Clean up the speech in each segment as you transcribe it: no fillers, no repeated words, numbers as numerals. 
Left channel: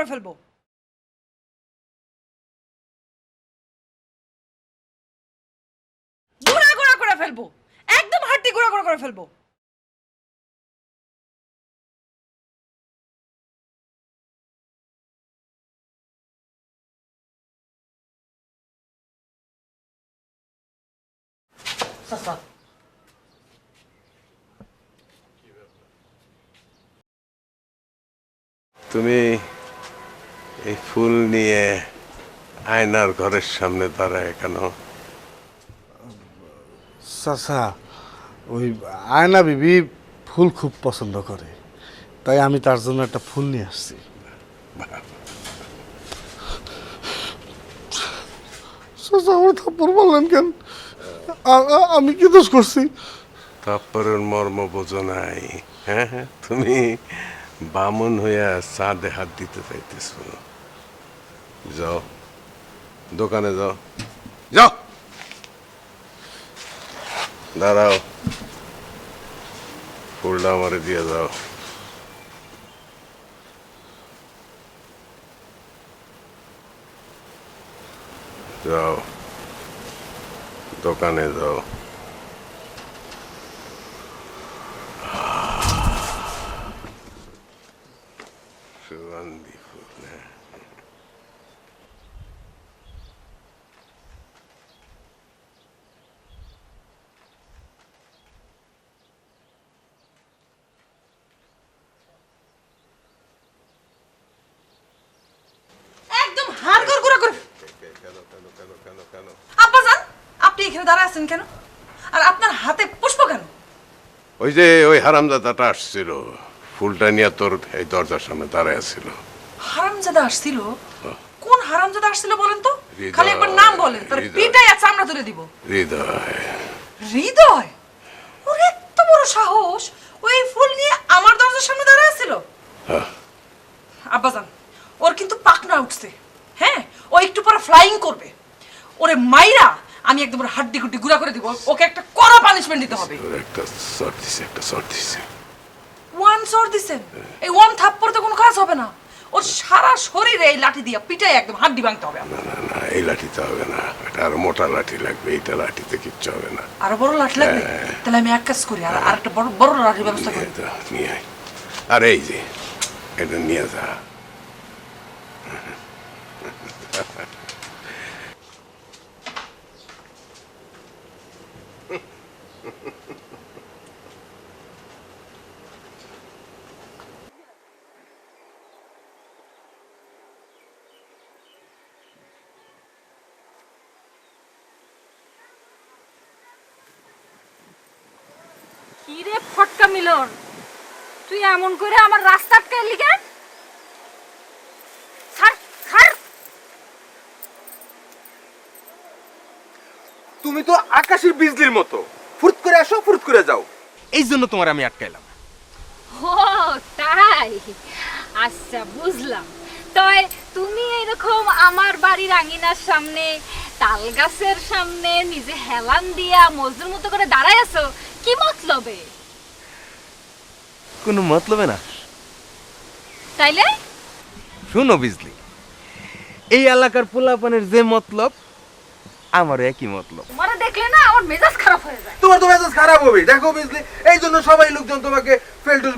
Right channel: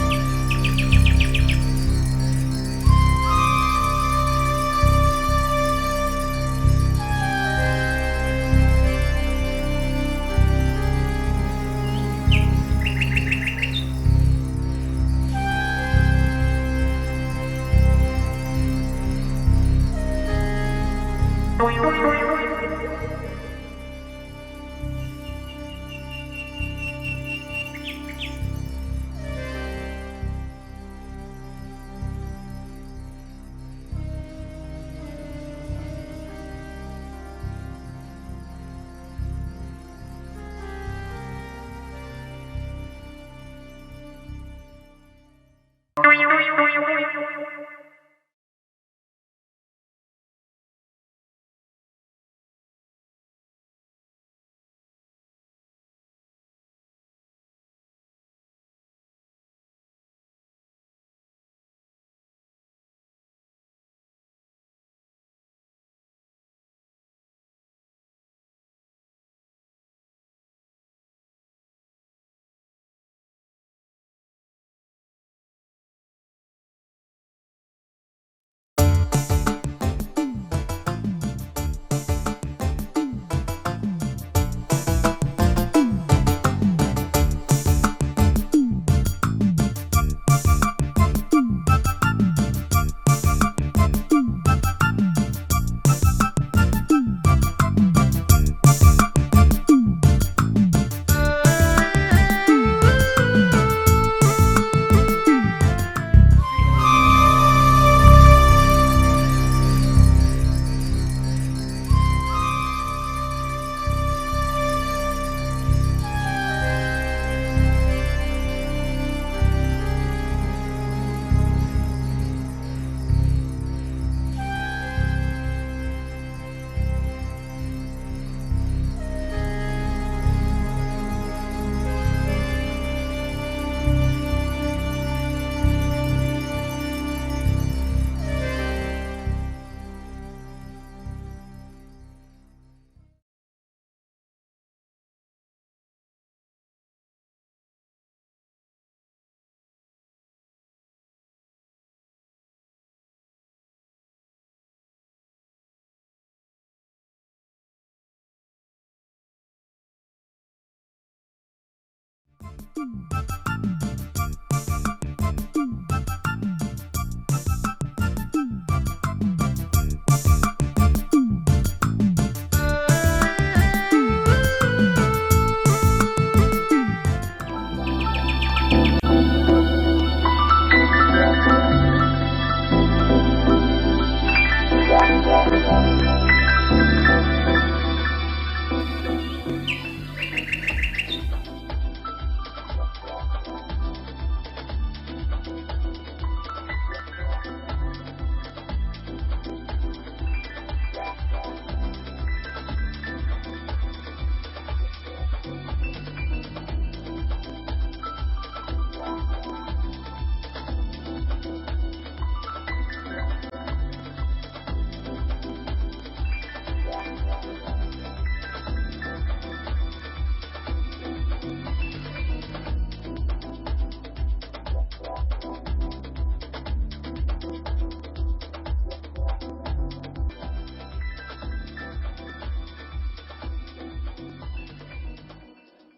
করে ফেলবো। গুঁড়া গুঁড়া করে ফেলবো, একদম হাড্ডি গুঁড়া গুঁড়া করে ফেলবো। তুমি এই ফুল নিয়ে আয়নার ঘরের সামনে দাঁড়ায় কেন? চাচা, ওই আয়না বিবি ফুল খুব পছন্দ করে, তাই আমি তার জন্য একটা ফুল নিয়ে আসছি। চাচা, আমার থাপ্পড় বললেন কেন? আমি কি দোষ করছি? তারপরের মর্ম বোঝো নাই? হ্যাঁ হ্যাঁ, তুমি বামন হইয়া চাঁদে হাত দিতে চাইতেছ। যাও দোকানে যাও, যাও, দাঁড়াও, ফুলটা আমারে দিয়ে যাও। যাও দোকানে যাও। একদম হাড়গোড় গুঁড়া করো। আব্বাজান, আপনি এখানে দাঁড়ায় আছেন কেন? আর আপনার হাতে পুষ্প কেন? ওই যে ওই হারামজাদাটা আসছিল, ফুলটা নিয়ে তোর এই দরজার সামনে দাঁড়ায় ছিল। হারামজাদা আসছিল? কোন হারামজাদা আসছিল বলেন তো? হৃদয়। খালি একবার নাম বলেন, তার হৃদয়। পিটাই আছে আমরা তুলে দিব। হৃদয়। হৃদয়? ওর এত বড় সাহস, ওই ফুল নিয়ে আমার দরজার সামনে দাঁড়ায় ছিল? হ্যাঁ। আব্বাজান, ওর কিন্তু পাখনা উঠছে। হ্যাঁ, ও একটু পরে ফ্লাইং করবে। ওরে মাইরা আমি একদম ওর হাড্ডি গুড্ডি গুঁড়া করে দিব। ওকে একটা কড়া পানিশমেন্ট দিতে হবে। ওর একটা শট দিছে, একটা শট দিছে। ওয়ান শট দিছেন? এই ওয়ান থাপ্পড়ে তো কোনো কাজ হবে না। ওর সারা শরীরে এই লাঠি দিয়ে পিটাই একদম হাড্ডি ভাঙতে হবে। না না না, এই লাঠিতে হবে না, এটা আরো মোটা লাঠি লাগবে। এইটা লাঠিতে কিচ্ছু হবে না। আরো বড় লাঠি লাগবে? তাহলে আমি এক কাজ করি, আর একটা বড় বড় লাঠির ব্যবস্থা করি। এটা নিয়ে আয়। আর এই যে এটা নিয়ে যা। কিরে ফটকা মিলন, তুই এমন করে আমার রাস্তা আটকাইলি কেন? ছাড়, ছাড়। তুমি তো আকাশের বিজলির মতো, ফুরত করে আসো ফুরত করে যাও, এই জন্য তোমার আমি আটকাইলাম। ও তাই, আচ্ছা বুঝলাম। তয় তুমি এরকম আমার বাড়ির আঙিনার সামনে তাল গাছের সামনে নিজে হেলান দিয়া মজদুর মতো করে দাঁড়ায় আছো, কি মতলবে? কোনো মতলবে না। তাইলে শুনো বিজলি, এই এলাকার পোলাপানের যে মতলব আমারও একই মতলব। তোমারে দেখলে না আমার মেজাজ খারাপ হয়ে যায়। তোমার তো মেজাজ খারাপ হবে, দেখো বিজলি, এই জন্য সবাই লোকজন তোমাকে ফেলটুস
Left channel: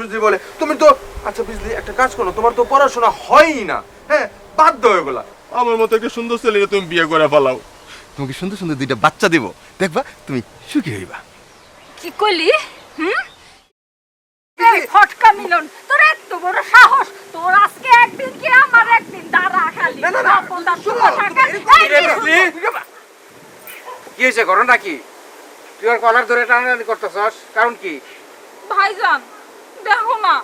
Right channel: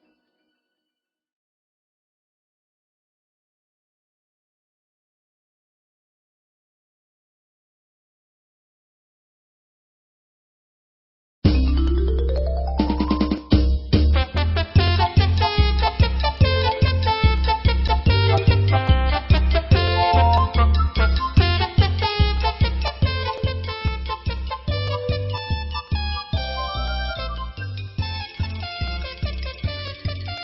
বিজলি বলে। তুমি তো আচ্ছা বিজলি, একটা কাজ করো, তোমার তো পড়াশোনা হয়ই না, হ্যাঁ, বাধ্য হয়ে গেলা। আমার মতো একটা সুন্দর ছেলে তুমি বিয়ে করে ফেলাও, তোমাকে সুন্দর সুন্দর দুইটা বাচ্চা দিব, দেখবা তুমি সুখী হইবা। কি কইলি? হুম? এই ফটকা মিলন, তোর এত বড় সাহস, তোর আজকে একদিন কি আমার একদিন দাঁড়া কি হয়েছে, ঘটনা কি? তুই ওর কলার ধরে টানাটানি করতেছস, কারণ কি? ভাইজান দেখো না,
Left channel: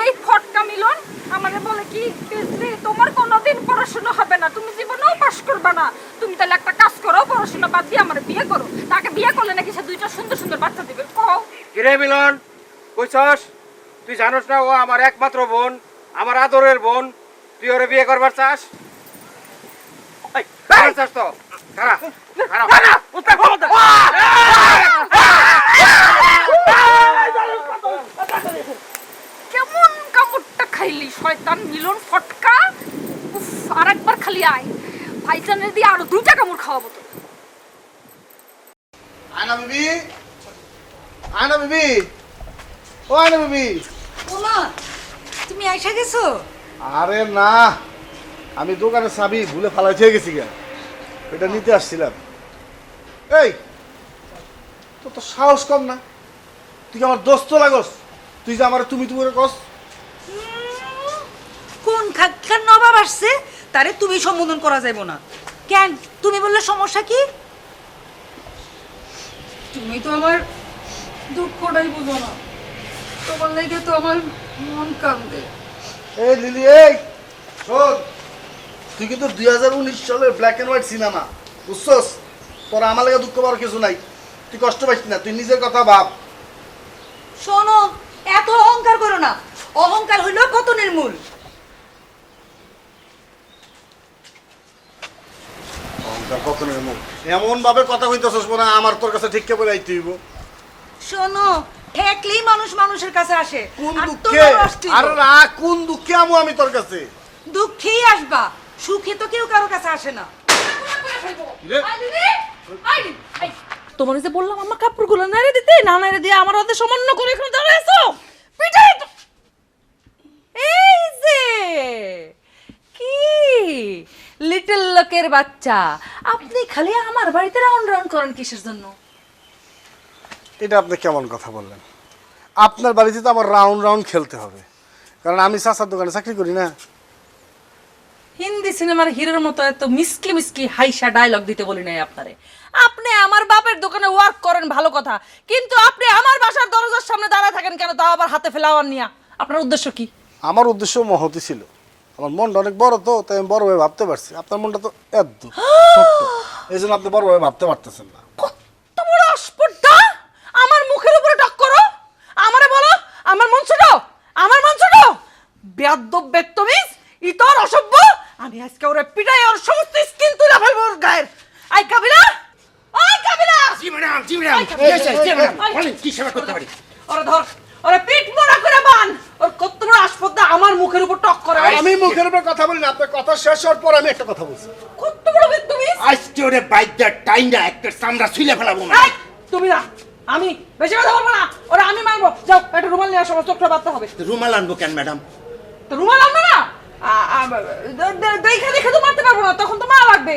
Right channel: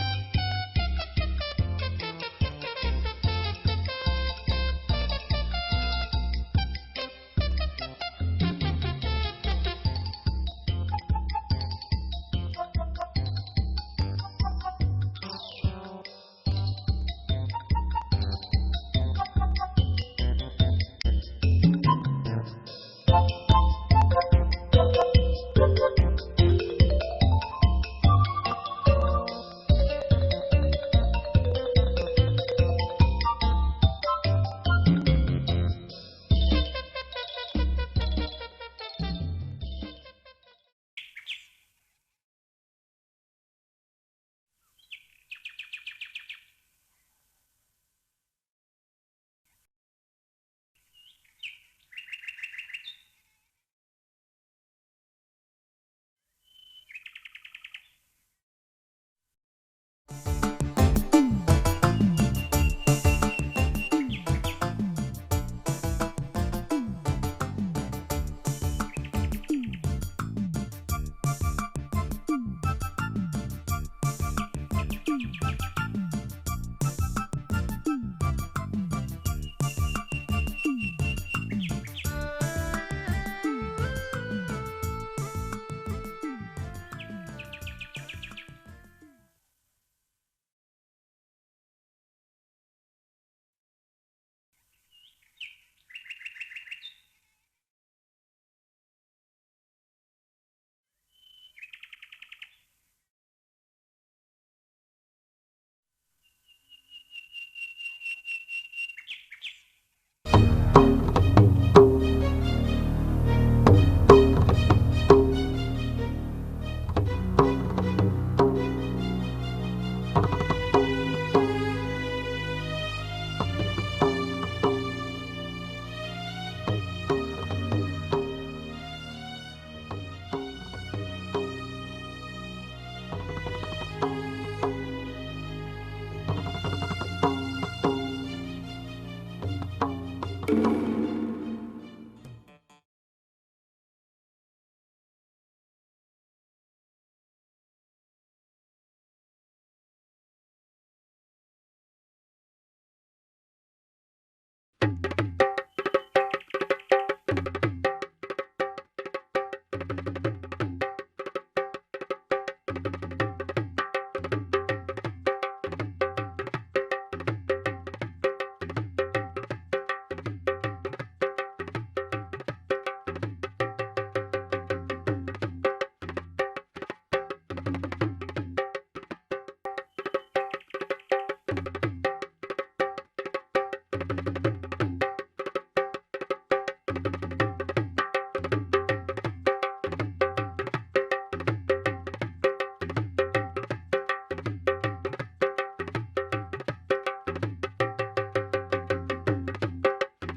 এই ফটকা মিলন আমারে বলে কি যে তোমার কোনোদিন পড়াশোনা হবে না, তুমি জীবনেও পাস করবে না। তুমি তাহলে একটা কাজ করো, পড়াশোনা বাদ দিয়ে আমার বিয়ে করো। তাকে বিয়ে করলে নাকি সে দুইটা সুন্দর সুন্দর বাচ্চা দিবে। কও কিরে মিলন, কইছস? তুই জানোস না ও আমার একমাত্র বোন, আমার আদরের বোন, তুই ওরে বিয়ে করবার চাস? এই, করবার চাস তো? খারাপ, খারাপ। কেমন কাপড়টা খাইলি শয়তান? মিলন ফটকা উফ, আর একবার খালি আয় ভাইজানের দিয়ে আরো 2টা কামড় খাওয়াবো আয়না বিবি, আয়না বিবি, ও আয়না বিবি। ওমা তুমি আইসা গেছো? আরে না, আমি দোকানে চাবি ভুলে ফালাই থেকে গেছি গা, এটা নিতে আসছিলাম। এই তোর তো সাহস কম না, তুই কি আমার দোস্ত লাগস? তুই যে আমার তুমি তুমি করে কস। কোন খাক্কার নবাব আসছে তারে তুমি সম্বোধন করা যাইব না। কেন তুমি বললে সমস্যা কি? তুমি তো আমার দুঃখটাই বুঝো না তোমার লেগে তো আমার মন কাঁদে এই লিলি, এই শোন, তুই কিন্তু 2019 সালের ব্ল্যাক এন্ড হোয়াইট সিনেমা, বুঝছস? তোর আমার লাগে দুঃখ পাওয়ার কিছু নাই, তুই কষ্ট পাইস না, তুই নিজের কথা ভাব। শোনো, এত অহংকার করো না, অহংকার হইল পতনের মূল। অহংকার কতনের মুখ, এমন ভাবে কথা কইতেছস মনে হয় আমার তোর কাছে ঠিককে বলে আইতে হইব। শোনো, ঠেকলেই মানুষ মানুষের কাছে আসে। কোন আর দুঃখে? তোমার অস্তিত্ব। আরে না, কোন দুঃখে আমু আমি তোর কাছে? দুঃখেই আসবা, সুখে তো কেউ কারো কাছে আসে না। তোমার যে বললাম আমার কাপড়গুলো নাইরে দিতে, না নাইরে দিয়ে আমার হাতে সামান্য করে এখানে দাঁড়ায় আছো। পিটাই তো। এই যে কি লিটল লোকের বাচ্চা, আপনি খালি আমার বাড়িতে রাউন্ড রাউন্ড করেন কিসের জন্য? এটা আপনি কেমন কথা বললেন? আপনার বাড়িতে তো আমার রাউন্ড রাউন্ড খেলতে হবে, কারণ আমি চাচার দোকানে চাকরি করি না। হিন্দি সিনেমার হিরোর মতো এত মিসকি মিসকি হাইসা ডায়লগ দিতে বলি নাই আপনারে। আপনি আমার বাপের দোকানে ওয়ার্ক করেন ভালো কথা, কিন্তু আপনি আমার বাসার দরজার সামনে দাঁড়ায় থাকেন কেন? তাও আবার হাতে ফ্লাওয়ার নিয়া। আপনার উদ্দেশ্য কি? আমার উদ্দেশ্য মহতি ছিল, আমার মনটা অনেক বড় তো, তাই আমি বড় ভাবে ভাবতে পারছি। আপনার মনটা তো এই জন্য আপনি বড় ভাবে ভাবতে পারতেছেন না। কত বড় অস্পর্ধা! আমার মুখের উপরে টক করো, আমারে বলো আমার মন ছোট, আমার মন ছোট। বেয়াদব বেত্তমিজ, ইতর অসভ্য। আমি আজকে ওরে পিটাই ওর সমস্ত স্কিন তুলে ফেলবো ওর গায়ের। আই কাবিলা, ওই কাবিলা, জি ম্যাডাম, জি ম্যাডাম, জি ম্যাডাম, বলেন কি সেবা করতে পারি? ওরে ধর, ওরে পিঠ মোড়া করে বান। ওর কত বড় অস্পর্ধা আমার মুখের উপর টক করে। আমি মুখের উপর কথা বলি না, আপনার কথা শেষ হওয়ার পর আমি একটা কথা বলছি। কত বড় বেত্তমিজ! আজকে ওরে বাইকটা টাইনা একটা চামড়া ছুলে ফেলাবো না। এই, তুমি না, আমি বেশি কথা বলবো না। ওরা আমি মারবো। যাও একটা রুমাল নিয়ে আসো, আমার চোখটা বাঁধতে হবে। রুমাল আনবো কেন ম্যাডাম? তো রুমাল আনবে না? দেখে দেখে তো মারতে পারবো না, তখন তো মা লাগবে।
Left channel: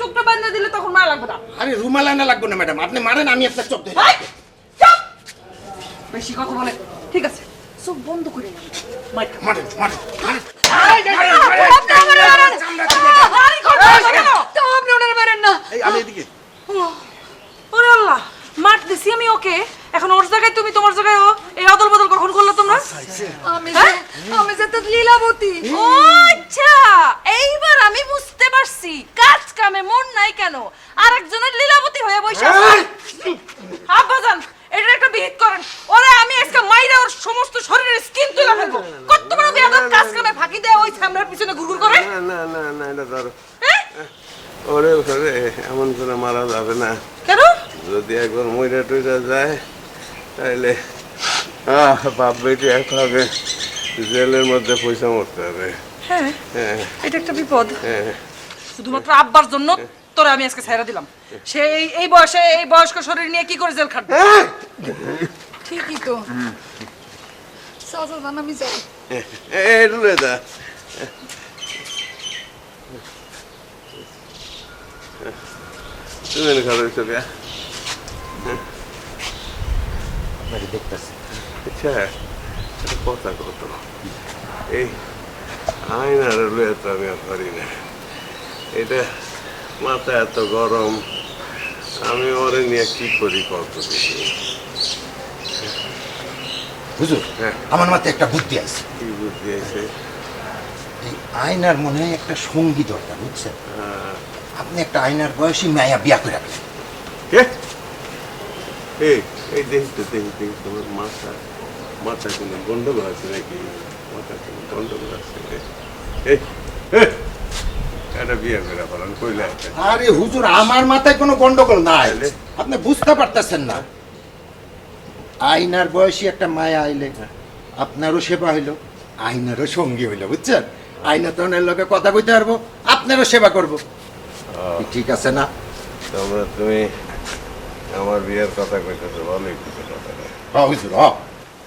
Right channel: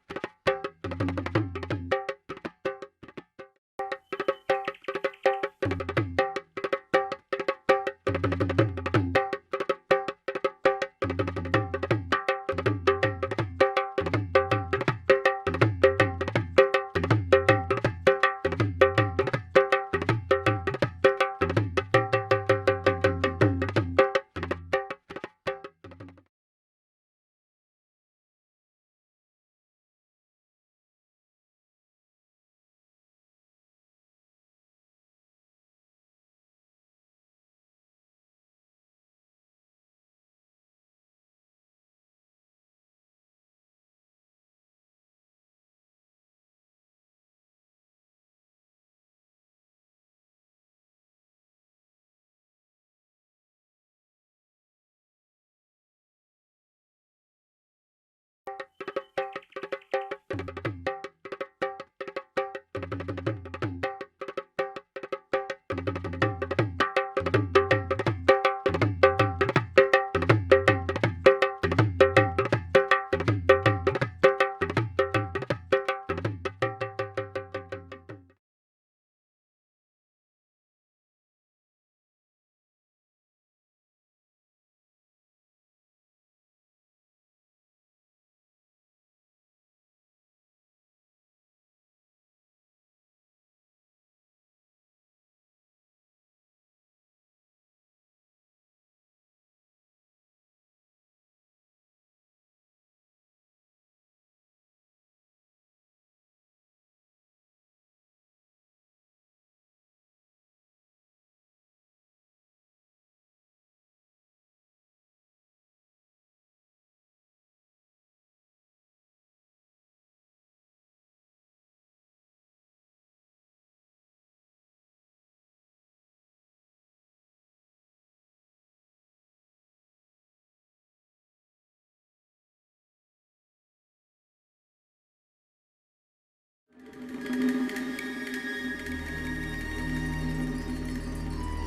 চোখটা বাঁধতে দিলে তখন মা লাগবে না। আরে রুমাল আনা লাগবে না ম্যাডাম, আপনি মারেন আমি আপনার চোখ ধরে। এই, চুপ! বেশি কথা বলে। ঠিক আছে, চোখ বন্ধ করে। মারেন, মারেন, মারেন। আপনি আমারে মারেন। আরে, করবেন কেন? আপনি ওনার মারেন না। এই আমি এদিকে। ওরে আল্লাহ, মারতেছি আমি ওকে, এখন ওর জায়গায় তুমি, তোমার জায়গায় ও। এই অদল বদল কখন করলো তোমরা? আমি যে তো লীলাবতী। ও আচ্ছা, এইবার আমি বুঝতে পারছি কাজ কামে মন নাই কেন আরেকজনের লীলাবতী হয়ে বসে আছে। আব্বাজান, এটা একটা বিহিত করেন। ওরে আমি আজকে মাইরা ওর সমস্ত শরীরের স্কিন তুলে ফেলবো। কত বড় বেয়াদব, কাজ কামে ফাঁকি দেয় ওই সামনের পিছনে ঘুরঘুর করে। না না না না, এটা ধরো। হ্যাঁ? ওরে ওরে, এমন করে মারা যাবে না। কেন? যদি একবার মইরা টইরা যায় তাহলে বাপ বেটি একভাবে জেলের মধ্যে পয়সা মরতে হবে। হ্যাঁ, হ্যাঁ এটা একটা বিপদ। হ্যাঁ। শুধুমাত্র আব্বার জন্য তোরা আমি আজকে ছাইরা দিলাম। সে এই বয়সে এই বয়স্ক শরীর নিয়ে কি করে জেল খাটবে? ঠিকই তো। চলো না, আমি যাই। এই রুলে দা, তুমি খাবে ছবি। আপনাকে দেখতেছি। আচ্ছা, একটা কথা কত, এই আয়নার লুয়ে তো আমি আর পারি না। এটা মাথা এত গরম, আমি ওরে নিয়ে কি করি কত দেখি। হুজুর, হ্যাঁ। আমার মাথায় একটা বুদ্ধি আছে। কি বুদ্ধি আছে? এই আয়নার মনে হয় একটা সঙ্গী দরকার, বুঝছেন? আপনি একটা আয়নার বয়সী মায়া বিয়া করে রাখলেন। কে? এই এই দেখি তো, দেখি দেখি তোমার মাথা, মাথা কোনো গন্ডগোল আছে নাকি? মাথা কোনো গন্ডগোল আছে? এই একটা বিয়ে করে ফেলান কইলে একটা। আরে হুজুর, আমার মাথায় কোনো গন্ডগোল নাই, তাহলে? আপনি বুঝতে পারতেছেন না। আয়নার বয়সী একটা মায়া আইলে আপনারও সেবা হইল, আইনারও সঙ্গী হইল বুঝছেন, আইনা তো ওনার লগে কথা কইতে পারবো, আপনারও সেবা করব। কি ঠিক আছে না? তোমরা তুমি আমার বিয়ের কথা কইতেছো, বলো একটু কথা। হুজুর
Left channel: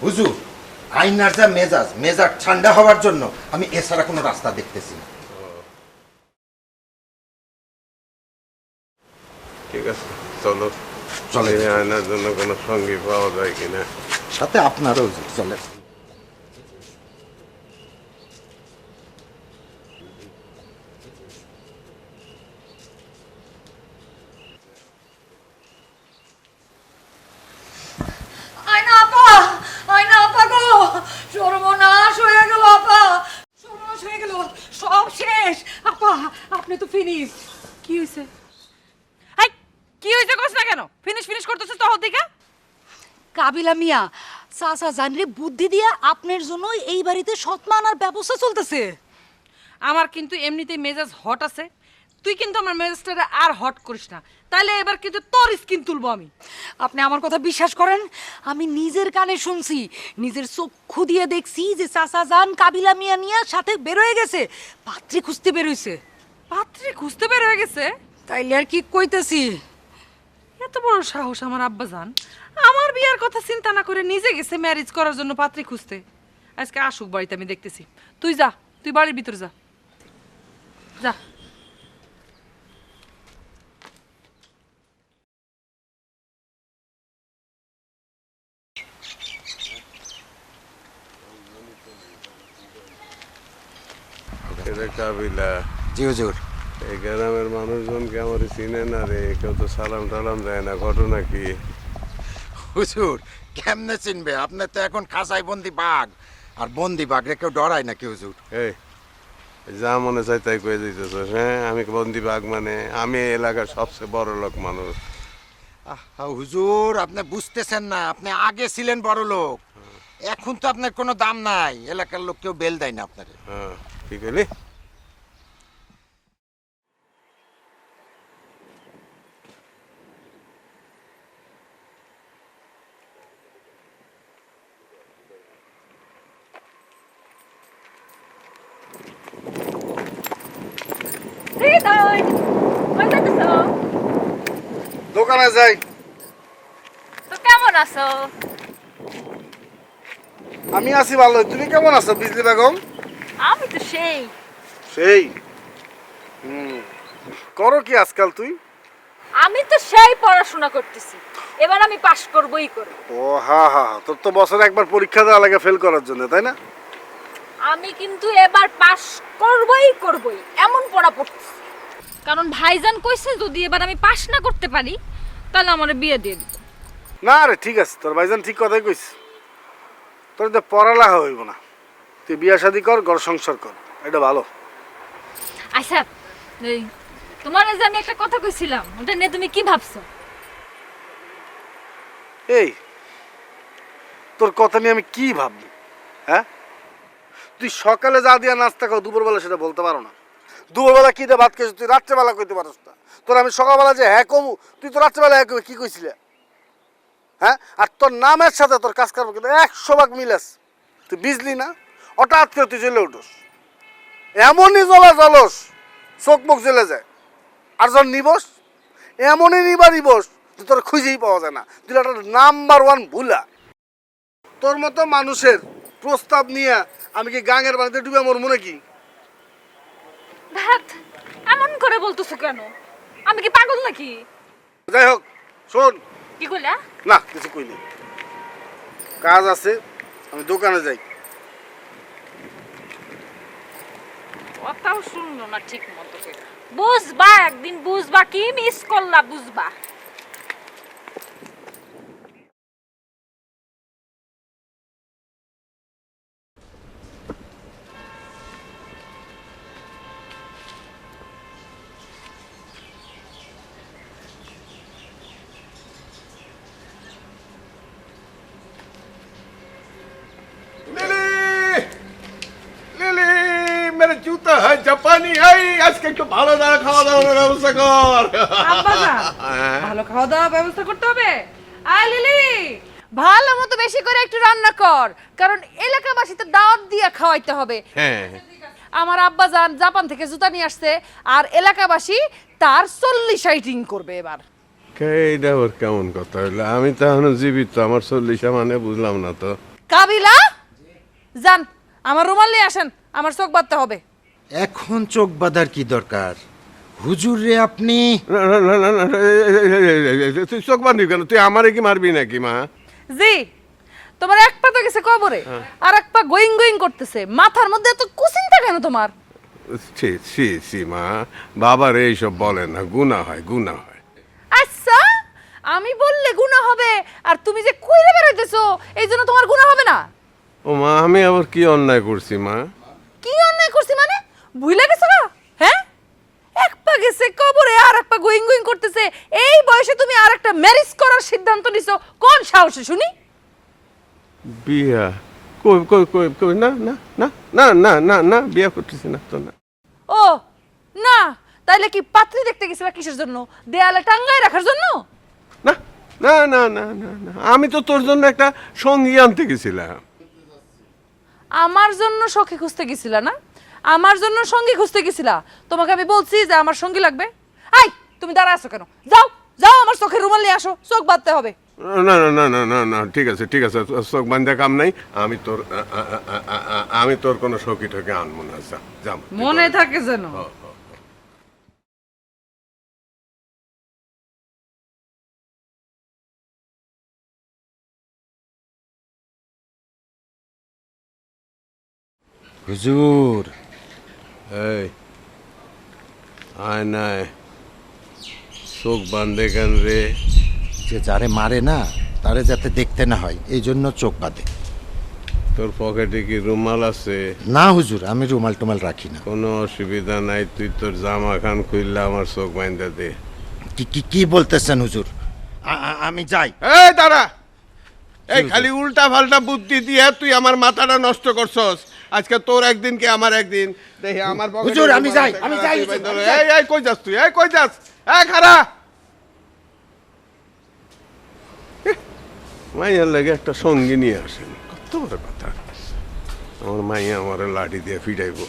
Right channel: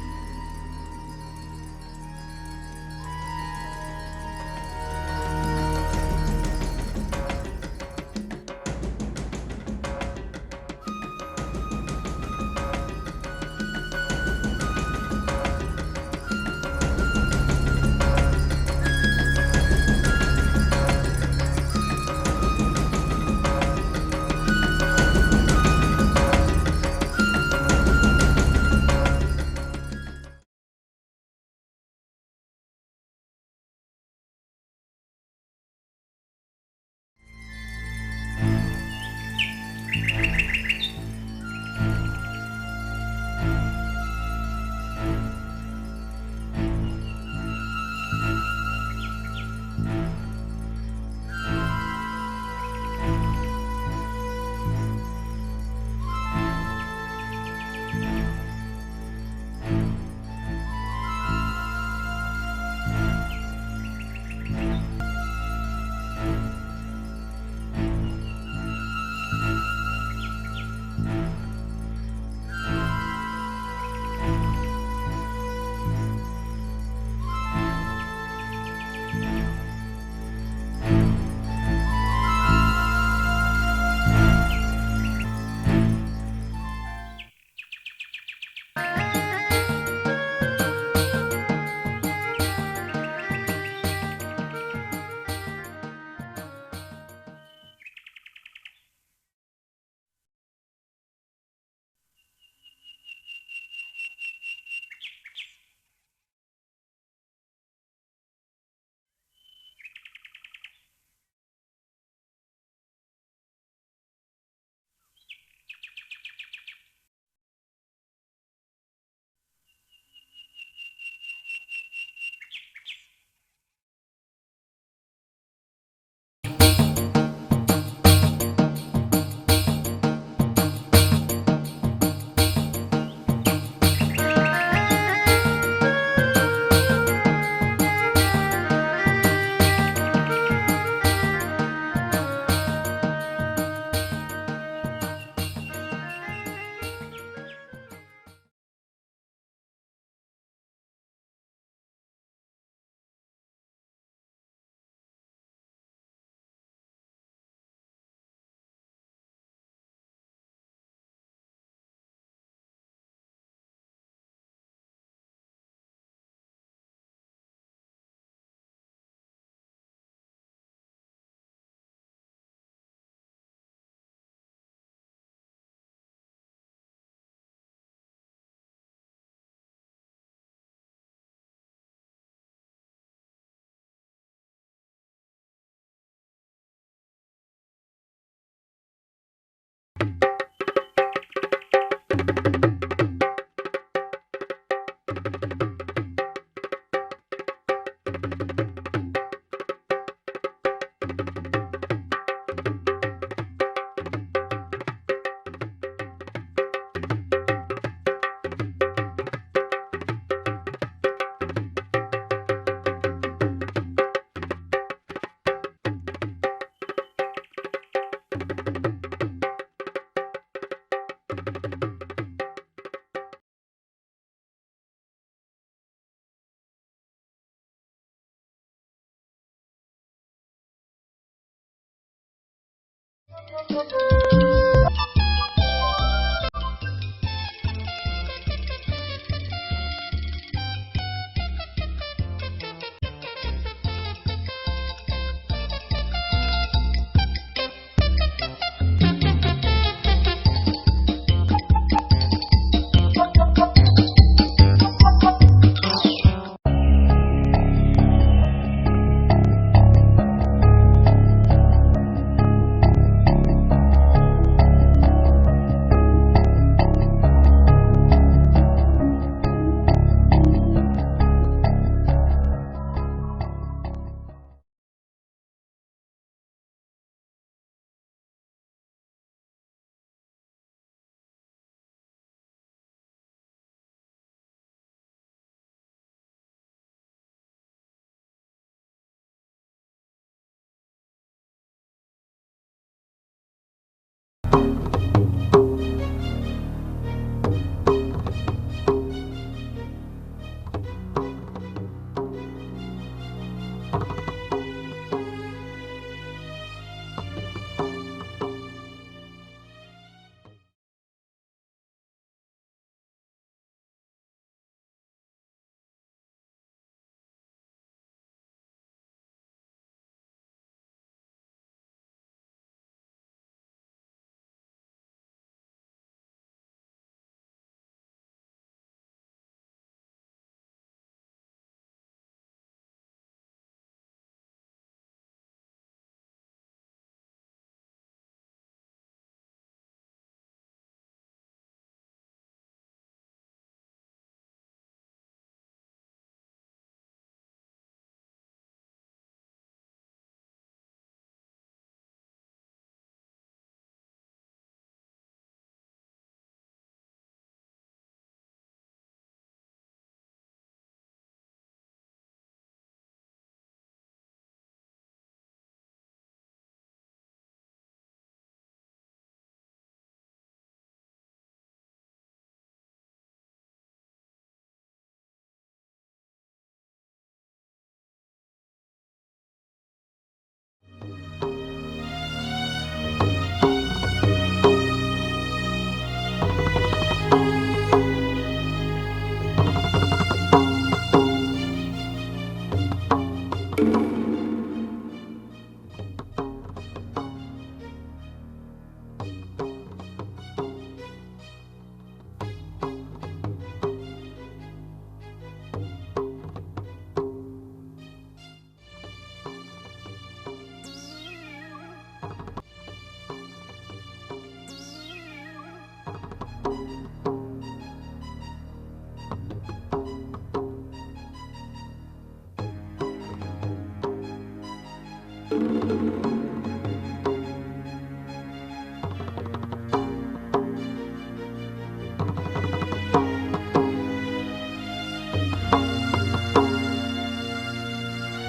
হুজুর, আইনার যা মেজাজ ঠান্ডা হওয়ার জন্য আমি এছাড়া কোনো রাস্তা দেখতেছি না। ঠিক আছে, চলো চলে। এই আয়নার জন্য কোনো সঙ্গী পাওয়া যায় কিনা। সাথে আপনারও চলে। আয়না আপা, আয়না আপা গো, সর্বনাশ হয়ে গেল আপা, সর্বনাশ হয়ে গেল, সব শেষ আপা, আপনি তো ফিনিশ। কি হইছে? হাই, কি হইছে কইছ না কেন? ফিনিশ ফিনিশ করতেছিস তো হদিকা? কাবিলা মিয়া সাসা জানরে বুদ্ধি দিয়া আপনার জন্য এই বাড়িতে সৎমান আর ব্যবস্থা চলতেছে। আমার কিন্তু এমনিতেই মেজাজ হট আছে, তুই কিন্তু আমার মেজাজটা আর হট করিস না, তাহলে এবার কিন্তু তোর স্কিন তুলবো আমি। আপনি আমার কথা বিশ্বাস করেন, আমি নিজের কানে শুনছি, নিজের চক্ষু দিয়ে দেখছি যে চাচা জান কাবিলা মিয়া নিয়ে সাথে বের হয়ে গেছে, পাত্রী খুঁজতে বের হইছে। পাত্রী খুঁজতে বের হয়ে গেছে? তাইলে আর কি কইতেছি, এত বড় সাহস আমার আব্বা জান, আমার বিয়ার কথা চিন্তা না করে নিজে গেছে ম্যারেজ করার জন্য পাত্রী খুঁজতে। আজকে আসুক বাড়িতে, আমি দেখতেছি। তুই যা, তুই বাড়ির ভিতর যা, যা। রে কাবিলা, জি হুজুর। এই গ্রামের মানুষজনকে আমার চিনে না রে, কেউ তো সালাম টালাম দেয় না, ঘটনা কি? হুজুর কেমনে চিনবে, আপনি তো এখন খাঁচায় বন্দি বাঘ, আর বন্দি বাঘ রে কেউ ডরায় নাকি হুজুর? এই যা মনে চাই তাই কয়ে দিতেছ। হ্যাঁ, আমি বন্দি বাঘ মানে? আমি এই এলাকার সবচেয়ে বড় লোক মানুষ। হুজুর আপনি বুঝতেছেন না, আপনি আগে ছিলেন বড় লোক, এখন তো আপনার কোনো দাম নাই, এলাকার লোক কেউ বেল দেয় না আপনারে। হ্যাঁ, ঠিক হলি? হৃদয়, কোথায় আছো? দোকানে যাই। তো কেমন আছো? আমি আছি ভালো, তুমি কেমন আছো বিজলি বেগম? আমি তো সেই। সেই করো কি আজকাল তুই? আমি তো সেই পড়াশোনা করতেছি, এবার আমি পাশ করবই করব। ও হ্যাঁ হ্যাঁ, তোর তো বছরে একবার পরীক্ষা দেওয়া লাগে ফেল করার জন্য, তাই না? আমি কিন্তু এবার পাশ করবই, এমন পড়া পড়তেছি। কারণ ভাইজান কইছে যদি এবার আমি পাশ না করতে পারি তাহলে আমার বিয়ে দিয়ে দিবে। না রে, ঠিক আছে, তোর ভাইজান ঠিক কথাই কইস। তোর তো পড়ালেখা হইব না, তুই বিয়া শাদি কর, ঘর সংসার কর, এটা ভালো। আচ্ছা, এই তোমার যে আমি একটা কথা কইছিলাম, ওটা নিয়ে তুমি কি ভাবছো? এই তোর কথা নিয়ে আমি কি ভাব? হ্যাঁ, তুই সকালে যা দিয়া নাস্তা কর, দুপুরবেলা সেটা বলতে পারো না। দুপুরবেলা কি দিয়ে ভাত খেয়েছিস, তুই রাত্রেবেলা কইতে পারো। তোর আমি সকালবেলা যে হ্যাঁ কমু, তুই তো রাত্রেবেলা হ্যাঁ কমু, কি কইছিলি? হ্যাঁ, আর তোর নামের সাথে তোর কাজ কর্ম কিন্তু 100 ভাগ মিল আছে। তুই বুঝলি না, হঠাৎ করে তুই জ্বলে উঠোস, এমনই জ্বলস চোখ মুখ জ্বলে যায়। আর যখন নিবস, এমনই নিবস যে তোর খুঁজেই পাওয়া যায় না। তুই একটা নাম্বার 1 ভুলা। তোর মতো মানুষের প্রস্তাব নিয়ে আমি কি গাঙের বাড়িতে ডুবে মরবো নাকি? ধ্যাৎ, এমন করে বলতেছো কেন? আমি কি পাগল নাকি? যাই হোক, শোন, কি বললা? না কিছু কইনি, কাজ আছে, আমি দোকানে যাই। কথাও শুনলো না ঠিক মতো। বুঝবা, একদিন বুঝবা, কি মিস করলা বুঝবা। জাপানি, এই আজকে একটু ভালো খাওয়া দাওয়ার ব্যবস্থা কর। আব্বা জান, ভালো খাওয়া দাওয়ার ব্যবস্থা করতে হবে। আয় লিলি, ভালো মতো বেশি করে একটু রান্না কর, কারণ এলাকাবাসীতে দাওয়াত দিয়ে দিয়া খাওয়াইতে হবে। হ্যাঁ আমার আব্বা জান জাপান থেকে জুতা নিয়ে আসছে, আর এলাকাবাসী তার 40 শাইটিং করবে এবার। এইটা আবার কেমন কথা হইলো? আমি তো এখনো জীবিত, আমার 40 মানে বুঝলাম না তো। কাবিলা জান, আমার রুমাল নিয়ে আসেন, আমার চোখ বাঁধতে হবে। এখন চোখ বাঁধার কি দরকার? হুজুর রে আপনি না না না না না, তুই চোখ বাঁধবি কেন? তুই আমারে কি মারবি নাকি মা? জি, তোমার এক পা তো গেছে কবরে, আর এক পা গোয়িং গোয়িং করতেছে। মাথার মধ্যে এত কুচিন্তা কেন তোমার? ছি ছি ছি মা, বাবার এইসব বলে না, গুনাহ হয় গুনাহ হয়। আচ্ছা, আমি বললে গুনাহ হবে, আর তুমি যে কইরে বেড়াইতেছো এই জন্য তোমার গুনাহ হবে না? ও মা, আমি আবার কি অন্যায় করছি মা? কি অন্যায় করছি মানে? ভুলে গেছো না? হ্যাঁ, এক পা গেছে কবরে আর এক পা গোয়িং গোয়িং করতেছে, এই বয়সে তুমি আর একটা ম্যারেজ করার সিদ্ধান্ত নিছো, কোন সাহসে শুনি? বিয়া কই কই কই কই, না না না না না না না, বিয়া করতেছি না তো না। ও না, তাইলে কি পাত্রী দেখতে গেছিলা কিসের জন্য? দেয়ালে টাঙ্গায় রাখার জন্য? না না না না না না, আমি তো তোর জন্য একটা সঙ্গী আনতে গেছিলাম। আমার জন্য সখী খুঁজতে গেছিলা না? আমার জন্য সঙ্গী খুঁজতে গেছিলা? তোমাকে আমি বলছি যে আমার সঙ্গী লাগবে। আই, তুমি দাঁড়া আছো কেন? যাও যাও, আমার চোখের রুমাল নিয়ে আসো, চোখ বাঁধতে হবে। না না না না না না, ঠিক আছে ঠিক আছে, চোখ বান্ধা কাম নাই। আমি তোর কোনো সখী টকে আনবো না। যা, মনে থাকে যেন। হুজুর এই আয় নাই, চোখ বান্ধে কেন রে? যে যারে মারে না তারে যাতে দেখতে না হয় এই জন্য চোখ বাঁধে। তোর পকেটে কি রুমাল আছে? না হুজুর, আমি রুমাল টুমাল রাখি না। কোনো অসুবিধা নাই, তুই তোর জামা খান খুললে আমার চোখ বান্ধা দে। কি কি কি বলতেছেন হুজুর? আমি যাই। এই দাঁড়া, এই খালি উল্টা পাল্টা বুদ্ধি দিয়ে তুই আমার মাথাটা নষ্ট করছস। আজকে তোর একদিন কি আমার একদিন। দেখি আমার পকেটে হুজুর, আমি যাই, রুমাল আমি একটা যাই, আছে, হুজুর। এই এই কই যাস তুই? এই কই যাস? এই খারা, মাইয়ার লাগে একটা সঙ্গী নিয়ে আসে, কত বড় কথা। আমার মাইয়া আমার লাঠি দিয়ে ফিরাইব।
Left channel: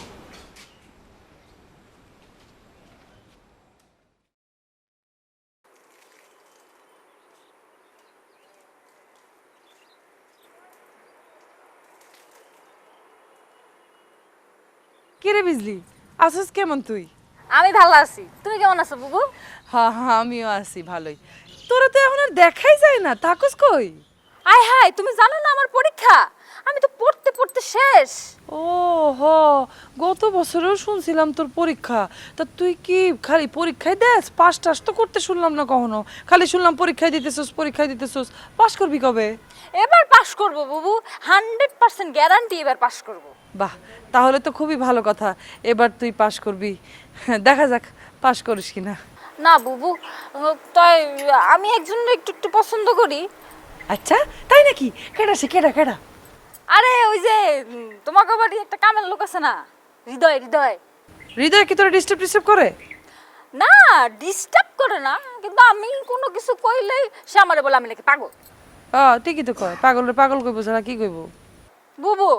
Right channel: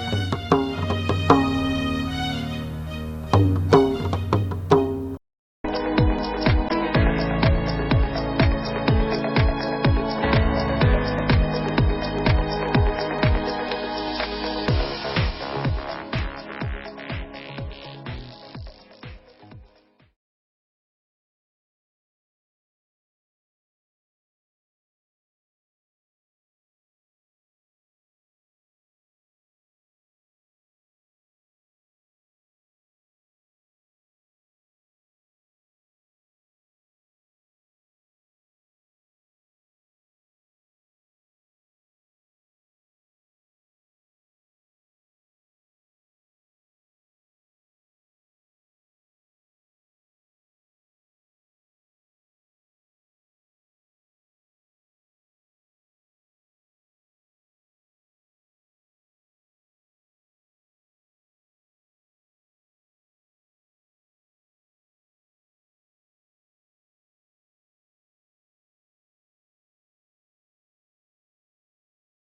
কিরে বিজলি, আসিস কেমন তুই? আমি ভালো আছি, তুমি কেমন আছো বুবু? হ্যাঁ হ্যাঁ, আমিও আছি ভালোই। তোরা তো এখন আর দেখাই যায় না, থাকস কই? আয় হায়, তুমি জানো না আমার পরীক্ষা? আমি তো পড়তে পড়তে শেষ। ও হ, গত বছরেও শুনছিলাম তোর পরীক্ষা। তা তুই কি খালি পরীক্ষায় দেস? পাস টাস তো করতে শুনলাম না কখনো, খালি শুনলাম পরীক্ষায় দিতেছস পরীক্ষায় দিতেছস। পাস করবি কবে? এবার পাশ করব বুবু, 100% গ্যারান্টি এবার পাশ করব। বাহ, তাহলে তো খুবই ভালো কথা, এবার তুই পাস করবি। দেখা যাক পাস করিস কিনা। না বুবু, তাই আমি একজনের একটু একটু পছন্দ করি। আচ্ছা তাই নাকি? কেডা সে, কেডা কেডা? আরে ওই যে তোমাকে বাড়ি একটা কামের লোক আছে না, হৃদয় হৃদয়। হৃদয় কি তোরা ডিস্টার্ব করে? না, ডিস্টার্ব করে না, কিন্তু আমি কোনো কিছু কইলেই সে আমারে বলে আমি নাকি পাগল। ঠিকই তো কয়, পাগলের পাগল কইব ছাড়া কি কইব? বুবু,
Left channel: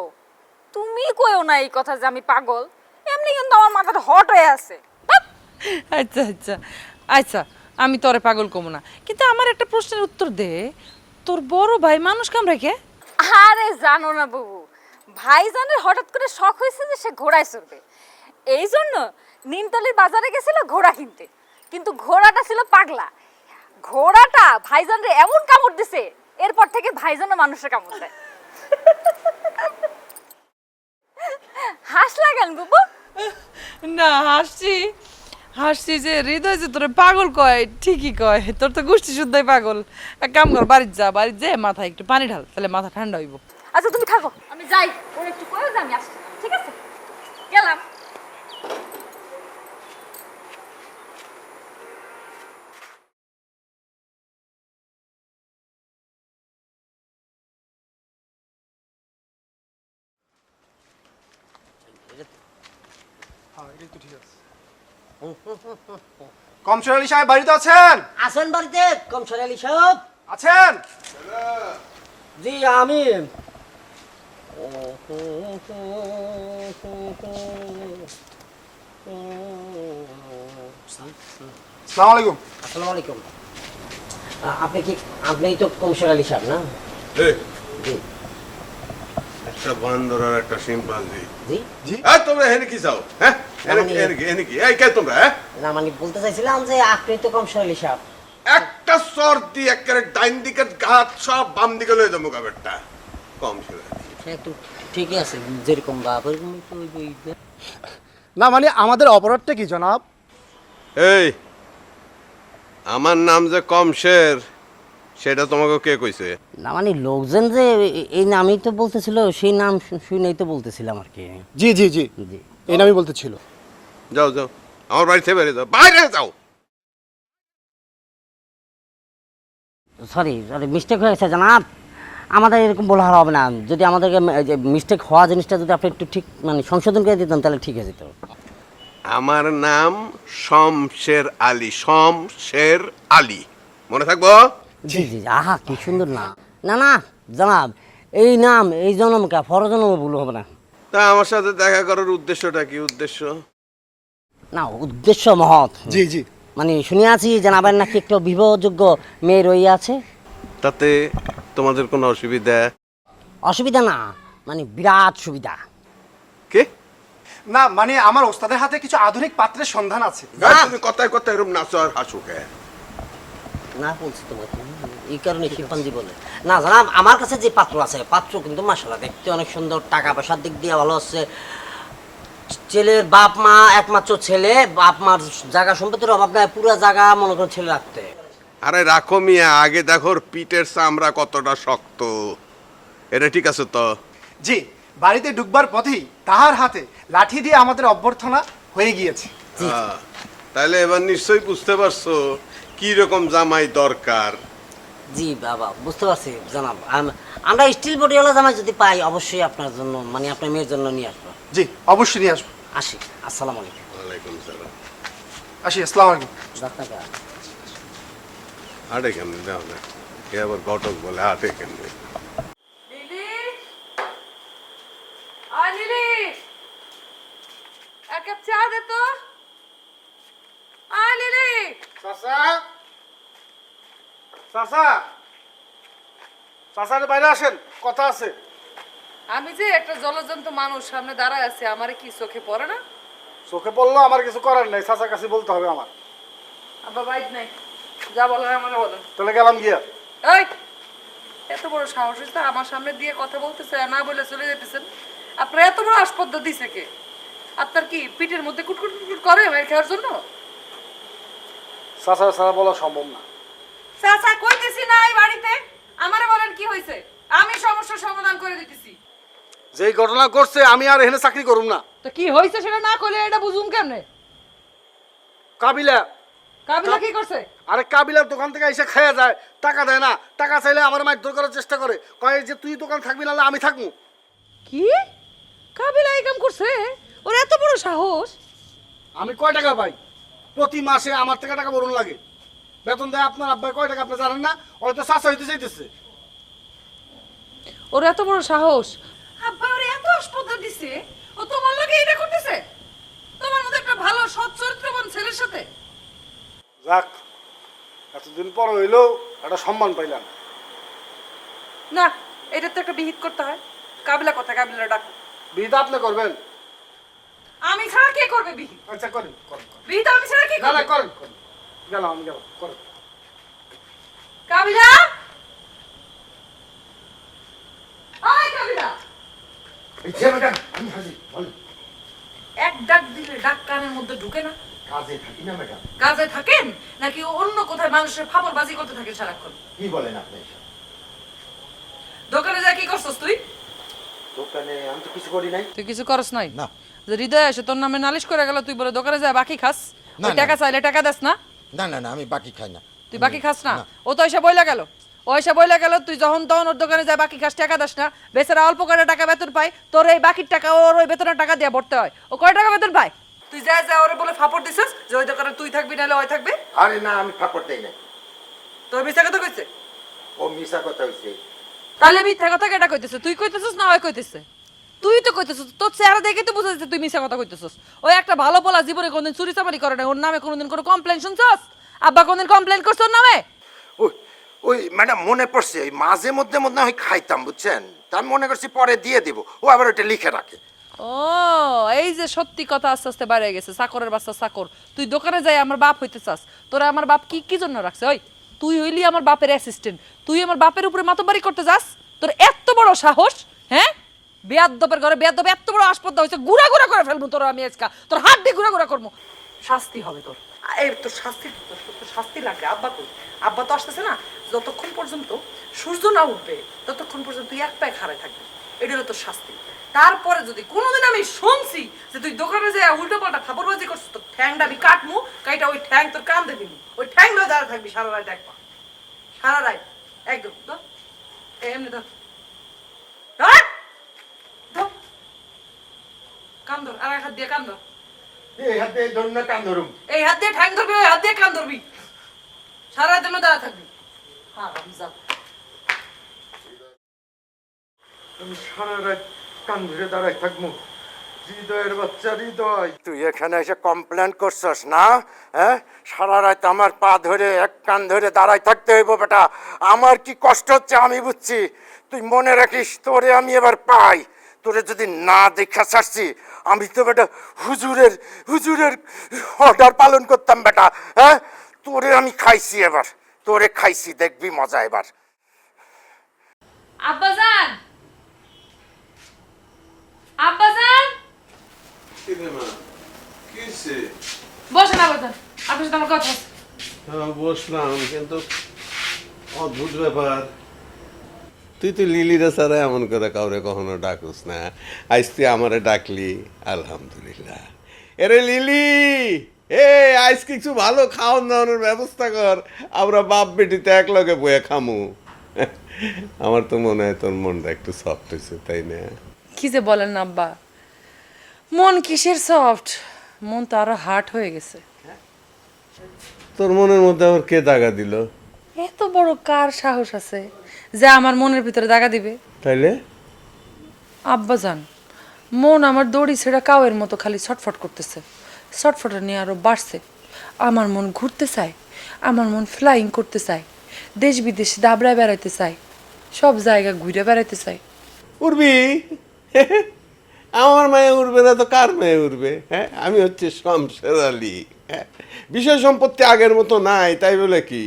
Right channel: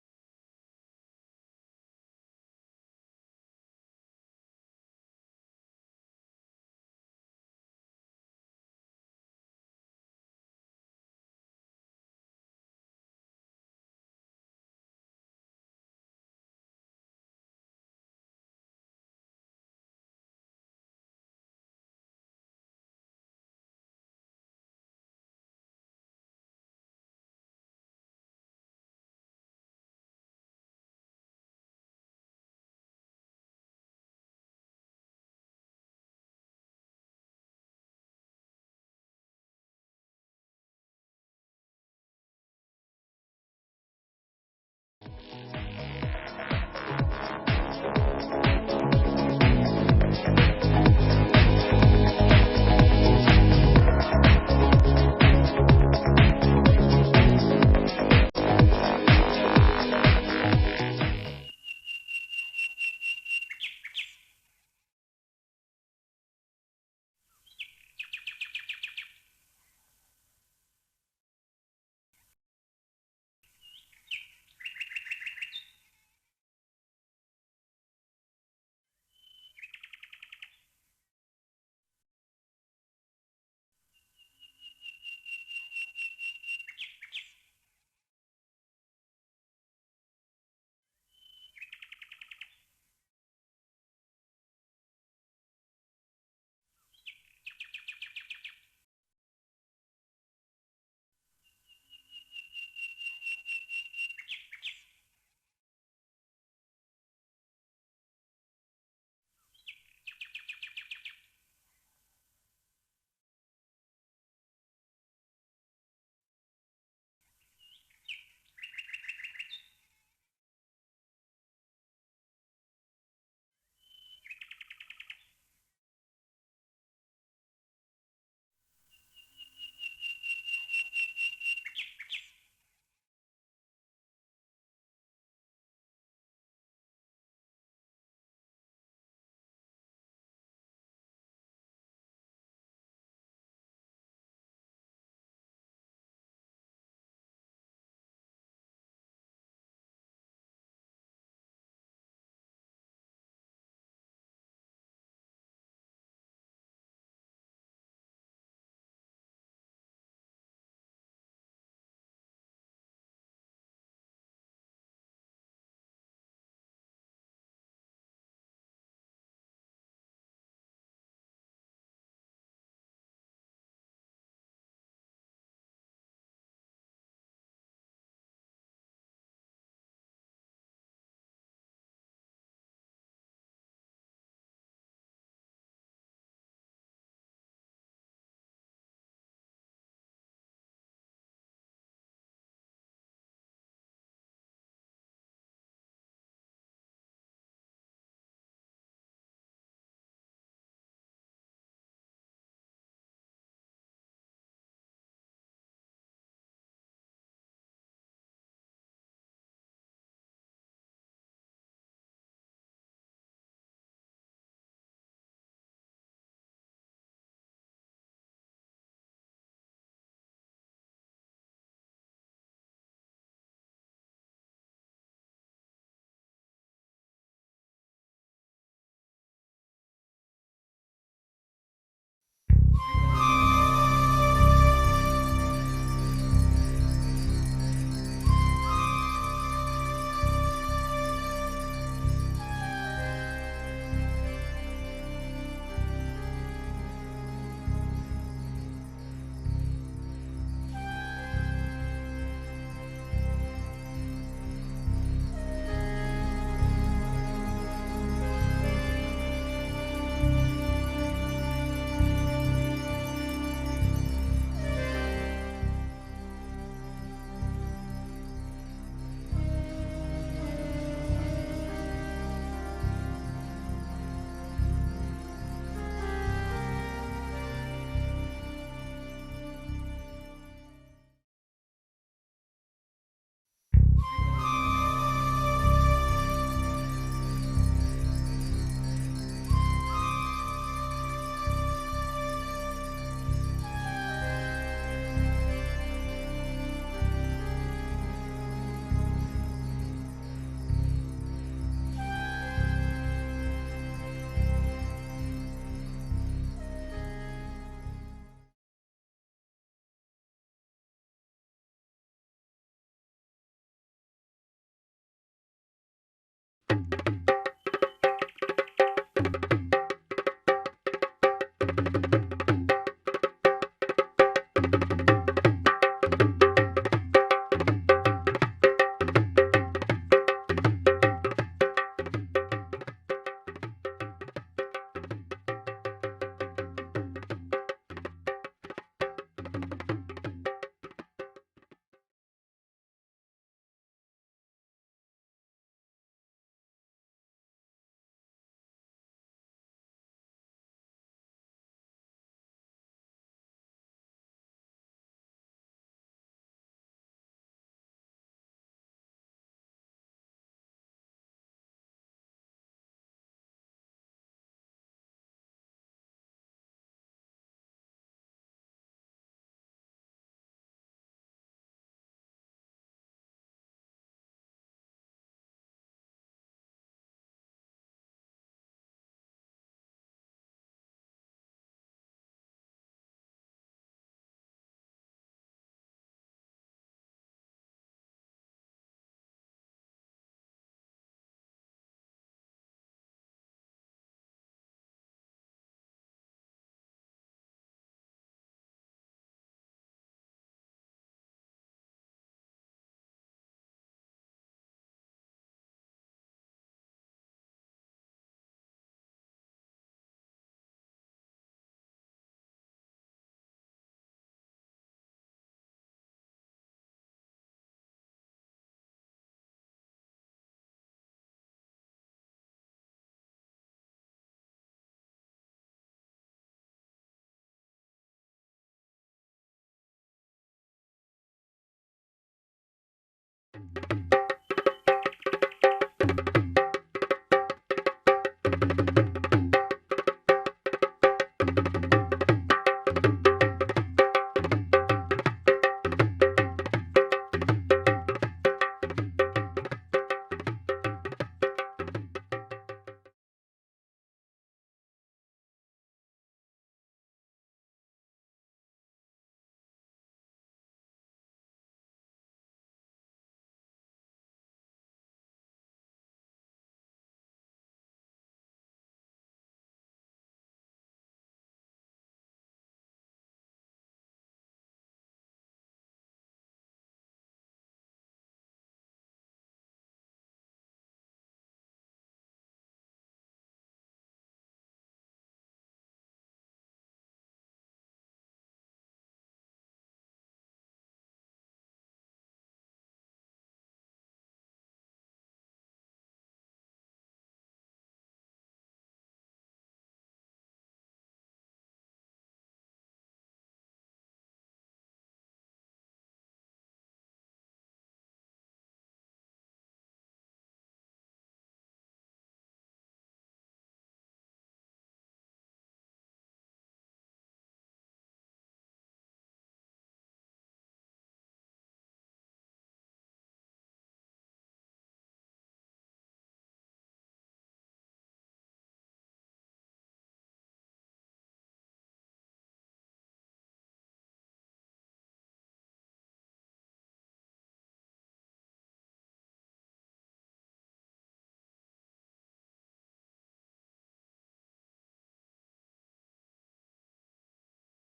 তুমি কইও না এই কথা যে আমি পাগল, এমনি কিন্তু আমার মাথাটা হট হয়ে আছে। আচ্ছা আচ্ছা আচ্ছা, আমি তোরে পাগল কমু না, কিন্তু আমার একটা প্রশ্নের উত্তর দে, তোর বড় ভাই মানুষ কামড়ায় কে? আরে জানো না বুবু, ভাইজানের হঠাৎ করে শখ হয়েছে যে সে ঘোড়ায় চড়বে, এই জন্য নিমতলির বাজারে গেছিল ঘোড়া কিনতে, কিন্তু ঘোড়াটা ছিল পাগলা। ঘোড়াটা ভাইজানরে এমন কামড় দিছে, এরপর থেকে ভাইজানও মানুষের কামড় দেয়। হাসলা কেন বুবু? না, হাসছি হাসছি যে হৃদয় যে তোরে পাগল কয়, ঠিকই কয়, তোর তো গোষ্ঠী শুদ্ধই পাগল। এক কাম কর, বাড়িতে যা, বাড়িতে যে মাথায় একটু পানি ঢাল, তাহলে মাথা ঠান্ডা হইব। আচ্ছা তুমি থাকো, আমি যাই, ওর একটু করে আমি আসছি, ঠিক আছে? গেলাম। কমসর আলী সাহেব বাড়িতে আছেন? আছেন বাড়িতে কমসর আলী সাহেব? আছেন? জি আমি। আসসালামু আলাইকুম। আসসালামু আলাইকুম। আপনি তো কমিশনার আলী সাহেব না? এই, জি একটা বান্দর আর একটা শিম্পাঞ্জি। জি। এই, তোমরা এখানে কি চাও? হ্যাঁ? এখানে কি? এই, কে তোমরা, হ্যাঁ? না মানে বলতে চাইছিলাম যে আপনি তো কমিশনার আলী সাহেব। একটা সর দিয়ে একেবারে ডাইন দিকের ঘাত সব বাম দিকে লয়ে যাবো কাবেরটা। কম ছিল। হ্যাঁ তো ঠিকই আছে, যেরকম বাপ এরকম তো ওই না মানে আমাদের অপরাধটা কি জনাব? এই, আমার নাম যে কমশের, সেটা তোমাকে কে কইছে? না মানে লোকজন যে এই নামই তো বলতেছিল, সেই নাম শুনেই তো বলতেছিলাম আর কি। জি জি জি, জি এই নামই বলতেছিল। যাও যাও, আমার বাড়ি থেকে বেরিয়ে যাও, বাইরে যাও। সরি সরি, মিস্টেক হয়ে গেছে জানাব। আমাদের এরকম বলা হবে না। যদি আমাদেরকে মিস্টেক হওয়া জিনিসটা যদি আপনি একটু ঠিক মানে সংশোধন করে দিতেন তাহলে ঠিক হয়ে যেত। আমার নাম শমশের আলী, শমশের আলী, মনে থাকবো? জি জি, আহা কি সুন্দর না। না না জানাব, এই নাম এই জন্মকা পরজন্ম ভুল হবে না। তা আমার সাথে দেখা করার উদ্দেশ্যটা কি? উদ্দেশ্য না উদ্দেশ্য মহৎ। জি জি। মানে শুনে আছি জানাবেন নাকি একটা বিবাহযোগ্য মেয়ে রয়ে আছে। তাতে তোমাদের কোনো অসুবিধা? অসুবিধা না, মানে বিরাট সুবিধা। কে? না মানে আমার ওস্তাদের হাতে কিছু আধুনিক পাত্রের সন্ধান আছে। তুমি কথায় কথায় এরকম নাচো আর হাসো কে? না বলছি তোমাকে, এই কারণে শিল্পাঞ্জি বলে। না জানাব, আমার কাছে যে পাত্র আছে, পাত্র কিন্তু মাশাআল্লাহ দেখতে অনেক সুন্দর, টাকা পয়সার দিক দিয়ে ভালো আছে। ছেলের বাপ মা, একমাত্র ছেলে, বাপ মার জায়গা সম্পত্তির অভাব নাই, পুরো জায়গা মনে করো ছেলে রাখতে। আরে রাখো মিয়া, আগে দেখো ওর পিঠের চামড়া কতটা শক্ত। এটা ঠিক আছে তো? জি, বাড়িতে ঢুকবার পথেই তাহার হাতে লাঠি দিয়ে আমাদের অভ্যর্থনা হয়ে গিয়েছে। তাহলে এবার নিশ্চয়ই বুঝতে পারছো কি রকম জামাই দরকার। জি বাবা, বুঝতে পারছি জানাব। আমরা স্টিল বডিওয়ালা জামাই যদি পাই অবশ্যই আপনার জন্য, মানে আপনার মেয়ের জন্য নিয়ে আসবো। জি অবশ্যই নিয়ে আসবো। আসি, আসসালামু আলাইকুম। ওয়ালাইকুম সালাম। আসি, আসসালামু আলাইকুম। আপনাকে হাটে কেমনি দাও না, কে আবার ঘটক বলে হাটে কেমনি? লিলি, আয় লিলি, এক কাপ চা দে তো। আয় লিলি। চাচা, চাচা, চাচা বাইরে আসেন, কথা আছে। আমি যে একটা জলজন্ত মানুষ সামনে দাঁড়ায় আছি, আমার কি চোখে পড়ে না? চোখে পড়লো, আমার কিছু করার নেই, চাচার কাছে বলতে হবে আমার। আব্বা বাইক নাই, যা বলার আমাকে বলো। তাহলে গেলাম গিয়া। এই, এত বড় সাহস হচ্ছে আমার সামনে দিয়ে কথা বলতেছে, না বলে চলে যেতেছেন। আপনার এত বড় আসপদ্দ দিছে কে? আপনার কি পিঠের মধ্যে কুটকুট কুটকুট করে মার খাওয়ার জন্য? চাচা চাচা বলা সম্ভব না। চাচা কইতেছি না এই বাড়িতে, আমারে বলেন কি হয়েছে, আমি সমস্যার সমাধান করে দিতেছি। যেই ঘটনা করছে আমি আর এখানে চাকরি করুম না। তো কি হয়েছে সেটা না কইলে এটা বুঝুম কেমনে? কাবিলা, কাবিলা কি করছে? আরে কাবিলার দোকান থেকে এসে খাইয়া যায়, টাকা দেয় না, টাকা চাইলে আমার মারধর করার চেষ্টা করে, কয় যে তুই দোকান থাকবি না, আমি থাকবো। কি কাবিলা এই কাম করছে? ওর এত বড় সাহস! আমি কয় টাকা পাই? প্রতি মাসে আমার থেকে টাকা বরণ লাগে। বেতন দেয় আপনার আব্বাই কয় টাকা আপনি জানেন না? হয়তো চাষা হইতে চাইতেছে। ওর এত বড় সাহস! আব্বা ওর এত আসপদ্দা দিছে, ও তোমার লাগে এটা করতেছে? তোমার মতো একটা ভালো সৎ চরিত্রবান ছেলের সাথে? রাখ, এতদিন পর হইলেও একটা সম্মান পাইলাম। না, এটা তো একটা বিহিত করতে হয়। কাবিলা কথা, কাবিলা ডাক। বিহিত আপনি করবেন? আমি ছাড়া কে করবে বিহিত? আচ্ছা করেন। বিহিত আমি ছাড়া কে না না করবে? করেন। গেলাম আমি গেলাম, করেন। কাবিলা, আয় কাবিলা। এই যে ম্যাডাম, এক ডাক দিলে ডাক কানের মধ্যে ঢুকে না? কাজে থাকি না ম্যাডাম। কাজে থাকেন নাকি অন্য কোথায় মানুষের ফাপড়বাজি করতে থাকে সারাক্ষণ? কি বলেন আপনি? দোকানে যা কি করছস তুই? দোকানে আমি তো কিছু করি নাই। তুই কিছু করস নাই? না। যে হৃদয় এসে তোর নামে নালিশ করে গেল, তুই বলে দোকানে যা বাকি খাস? না, ওই না। টাকা চাইলে টাকা দেস না? না না না, আমি বাকি খাই না। তুই বাকি খাস না? ও তো এসে বইলা গেল, ও এসে বইলা গেল তুই যখন তখন ওর দোকানে যা বাকি খাস, টাকা দেস না। বেচারা অল্প করে টাকা বেতন পায়, তোর এই বাকির টাকা ওর ওই বেতনের টাকা দিয়ে ভরতে হয়। ও কয় টাকা বেতন পায়? তুই যা যা ওরে বলে ফাপড় দিছিস যে ওই দোকানে তুই থাকবি নাহলে ওই থাকবে? আরে না, আমি ফাপড় দেই না। তোর মিছা কথা কইছে? ও মিশা কথা হইছে। তাহলে মিথ্যা কথা কেটা কইতেছে? তুই কইতেছিস না ওই কইতেছে? তুই তো কইতেছিস, তোর চেহারা দেখে তো বুঝা যাচ্ছে তুই মিথ্যা কথা কইতেছিস। ওই একটা ভালো পোলা জীবনে কোনদিন চুরি চামারি করে না, ওর নামে কোনদিন কোনো কমপ্লেন শুনছস? আব্বা কোনদিন কমপ্লেন করছ ওর নামে? ওই ওই ম্যাডাম মনে পড়ছে, ওই মাঝে মধ্যে মধ্যে আমি খাইতাম বুঝছেন, তা আমি মনে করছি পরে দিয়ে দিব, ও আবার ওটা লিখে রাখে। ও এই যে সত্যি কথা আস্তে আস্তে বাইরে গেছে, চাকরের বাচ্চা চাকর। তুই দোকানে যাই আমার বাপ হইতে চাস, তোরা আমার বাপ কি কি জন্য রাখছে? ওই তুই হইলি আমার বাপের অ্যাসিস্ট্যান্ট, তুই আমার বাপের উপরে মাতবাড়ি করতে যাস? তোর এত বড় সাহস? হ্যাঁ, বেয়াদ্দপের ঘরে বেয়াদ্দপ এত বড় আসপদ্দা হইছে, গুড়া গুড়া করে ফেলবো তোর আমি আজকা, তোর হাত দিয়ে গুড়া গুড়া করবো। শাস্তি হবে তোর, এই তোর শাস্তি, তোর শাস্তি লাগবে। আব্বা কই? আব্বা তো আসতেছে না, যতক্ষণ পর্যন্ত সূর্য না উঠবে ততক্ষণ পর্যন্ত তুই এক পায়ে খাড়ায় থাকবি, এটা হলো তোর শাস্তি। তারপরে যদি কোনোদিন আমি শুনছি যে তুই দোকানে যায় উল্টো পাল্টা খাবারবাজি করছিস, তোর ঠ্যাংটা আমি কাটমু, কাইটা ওই ঠ্যাং তোর কান দিবি, ওই ঠ্যাং ধরে দাঁড়া থাকবি সারা রাত, একবার সারা রাত একদম। তো এমনি ধর, ধর, ধর। কান ধর, আর এক হাত দিয়ে কান ধর, এই হাতে ধরুন কান ধরুন। এই হাত দিয়ে ঠ্যাং ধরবি, ওই হাত দিয়ে কান ধরবি, সারা রাত দাঁড়া থাকবি। সারা রাত কান ধরে দাঁড়াই থাকবো। হৃদয়ের বাচ্চা হৃদয়, তুই এখানে এসে কমপ্লেন করছস না? হ্যাঁ, সারা রাত আমার পা ধরে এক কান ধরে দাঁড়াই থাকতে হইব বেটা। আমার কি কষ্ট হচ্ছে আমি বুঝছি, তুই মনে রাখিস তোরে আমি এবার পাই। তোরে যদি না দেখা ছাড়ছি, আমি তো বেটা হুজুরের হুজুরের অর্ডার পালন করতাম বেটা। হ্যাঁ, তোরে আমি খাইছি এবার, তোরে খাইছি, দেখবি মজা এবার। আব্বাজান, আব্বাজান, কি রে মা, কি হইছে? বসেন আব্বাজান, আপনার সাথে আমার কথা আছে। হ্যাঁ, বসলাম, কিন্তু অদ্ভুত ব্যাপার, তুই তো লিলিরা ছাড়া এমন করে কাউরে কখনো ডাকুস না, আজ তুই আমারে ডাকলি, আলহামদুলিল্লাহ। এরে লিলি, এ আজ কিছু ভালো খাওয়ান দাওয়ানোর ব্যবস্থা কর, আমরা বাপ বেটিতে এক লগে বয়ে খামু। আমার তো মনে হয় তোর মনটা একটু সফট হয়েছে, তাই না? কি যে বলেন না আব্বা, মন কিসের সফট, মন তো আরো হার্ড হয়ে গেছে। তোর মনের মধ্যে আবার কে দাগা দিল? এত বড় কার সাহস আছে যে আমার মনের ভিতরে দাগা দিবে? তাইলে আব্বাজান, মন আমার দড়ি ছেঁড়া কাউয়ের মতো খালি ছটফট করতেছে, ছটফটা নিয়ে আরো বাড়ছে। আমার মন ঘুরতে চায়, আমার মন ফ্লাইং করতে চায়, দেশ বিদেশে দাবড়ায় বেড়াইতে চায়, সব জায়গা ঘুরে বেড়াইতে চায়। উড়বি? আমার মায়ে উড়বে না তো কার মেয়ে উড়বে? হ্যাঁ, আমি হচ্ছে শমশের আলী। হ্যাঁ, বিষয় সম্পত্তি আগের মতো নাই, তাই বলে কি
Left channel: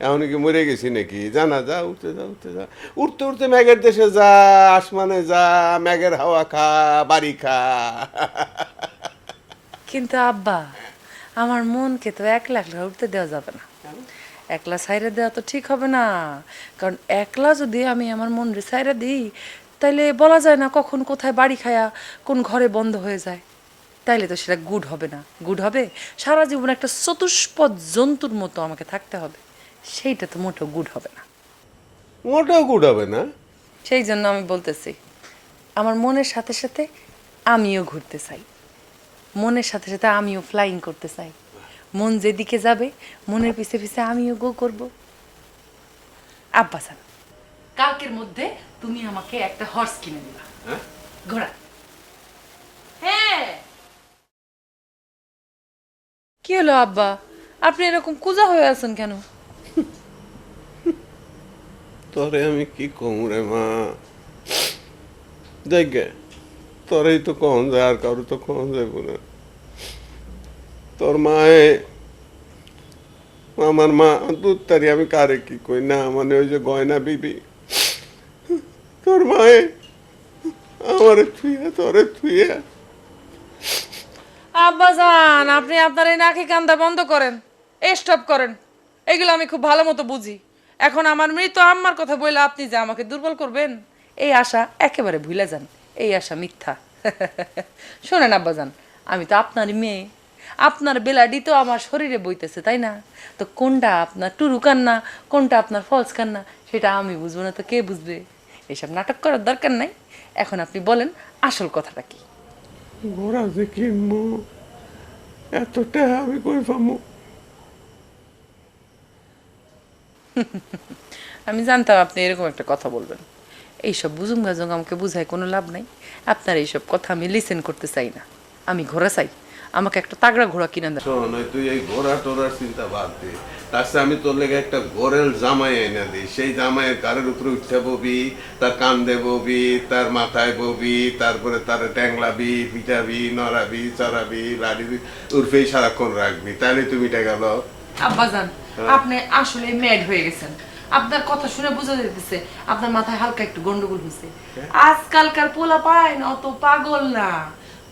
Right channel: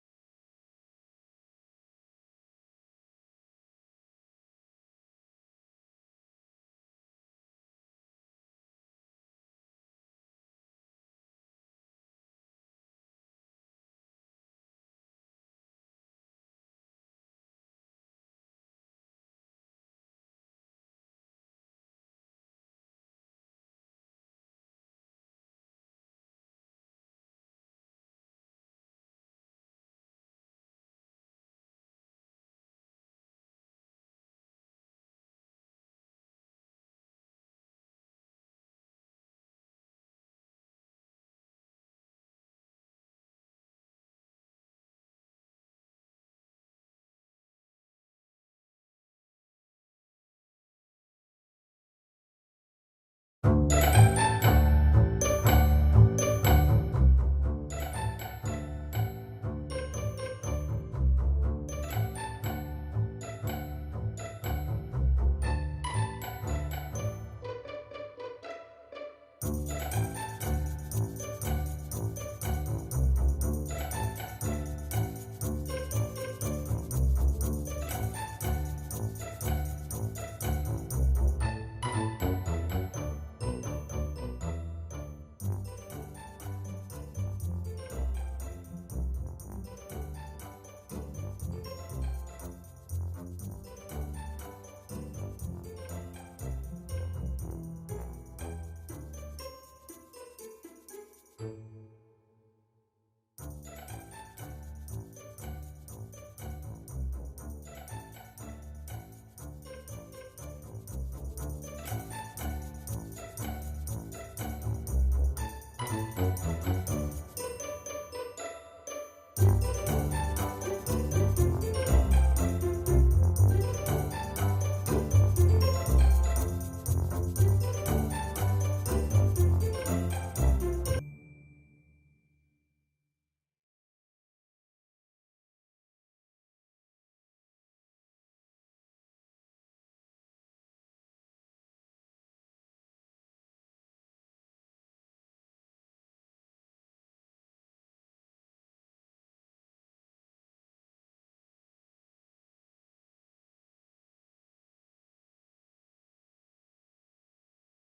এখন কি মরে গেছি নাকি? জানা যা, উঠতে যা, উঠতে যা, উঠতে উঠতে ম্যাগের দেশে যা, আসমানে যা, ম্যাগের হাওয়া খা, বাড়ি খা। কিন্তু আব্বা, আমার মনকে তো একলা একলা উঠতে দেওয়া যাবে না, একলা সাইরে দেওয়া তো ঠিক হবে না। কারণ একলা যদি আমি আমার মন রে সাইরে দিই, তাইলে বলা যায় না কখন কোথায় বাড়ি খায়া কোন ঘরে বন্ধ হয়ে যায়, তাইলে তো সেটা গুড হবে না। গুড হবে সারা জীবন একটা চতুষ্পদ জন্তুর মতো আমাকে থাকতে হবে, সেইটা তো মোটেও গুড হবে না। মোটেও গুড হবে না। সেই জন্য আমি বলতেছি, আমার মনের সাথে সাথে আমিও ঘুরতে চাই, মনের সাথে সাথে আমিও ফ্লাইং করতে চাই। মন যেদিকে যাবে মনের পিছে পিছে আমিও গো করব। আব্বাসান, কালকের মধ্যে তুমি আমাকে একটা হর্স কিনে দিবা, ঘোড়া। হ্যাঁ, কি হলো আব্বা, আপনি এরকম কুজা হয়ে আছেন কেন? তোরে আমি কি কম রে মা, দেখ তোরেই তো কম যায়, আর কারো তো কম যাবো না। তোর মায়ে, আমার মা দুধ তারি, আমি কারে কি কই না, মানে ওই যে গয়না বিবি, তোর মায়ে আমার থুইয়া তোরে থুইয়া। আব্বাজান, আপনি আপনার এই নাকি কান্দা বন্ধ করেন, স্টপ করেন, এগুলো আমি খুব ভালো মতো বুঝি। এখন আমার মৃত আম্মার কথা বলে আপনি যে আমাকে দুর্বল করবেন, এই আশা একেবারে ভুলে যান, এই আশা মিথ্যা। শোনেন আব্বাজান, আমি তো আপনারই মেয়ে, আপনার বেলাডি তো আমার শরীরে বইতেছে, তাই না? তো কোনটা আপনার টুরু কান্না, কোনটা আপনার ফলস কান্না, সেটা আমি বুঝবো না তো কে বুঝবে? এসব নাটক করার দরকার নাই। এখন আপনি বলেন আসল কথাটা কি? ঘোড়া যে কিনবো, এতটা আমি কই পাবো? আমি জানতাম আপনি এরকম একটা কথা বলবেন। এইসব বুঝুম গাজুম আমাকে বুঝায় কোনো লাভ নাই। আপনার এইসব কথা আমি লিসেন করতে চাই না। আমি ঘোড়া চাই, আমাকে একটা তাগড়া ঘোড়া কিনে দেন। শোন, ওই তুই এই ঘোড়া টোড়ার চিন্তা বাদ দে। তার চেয়ে আমি তোর লেগে একটা গোরেল জামাই এনে দিই। সেই জামাইয়ের গাড়ির উপরে উঠতে ববি, তার কান্দে ববি, তার মাথায় ববি, তারপরে তার ট্যাংলাবি, পিটাবি, নড়াবি, চড়াবি, লাড়িবি, উর্ফেই সারাক্ষণ রাখবি। তাহলে তুমি এটা গেল। আব্বাজান, আপনি আসলে ম্যাড হয়ে গেছেন। আপনার কথা শুনে বোঝা যাইতেছে আপনার মাথায় হালকা একটু গন্ডগোল হয়েছে। আজকালকার পোলা পায় না, অত পাগল না,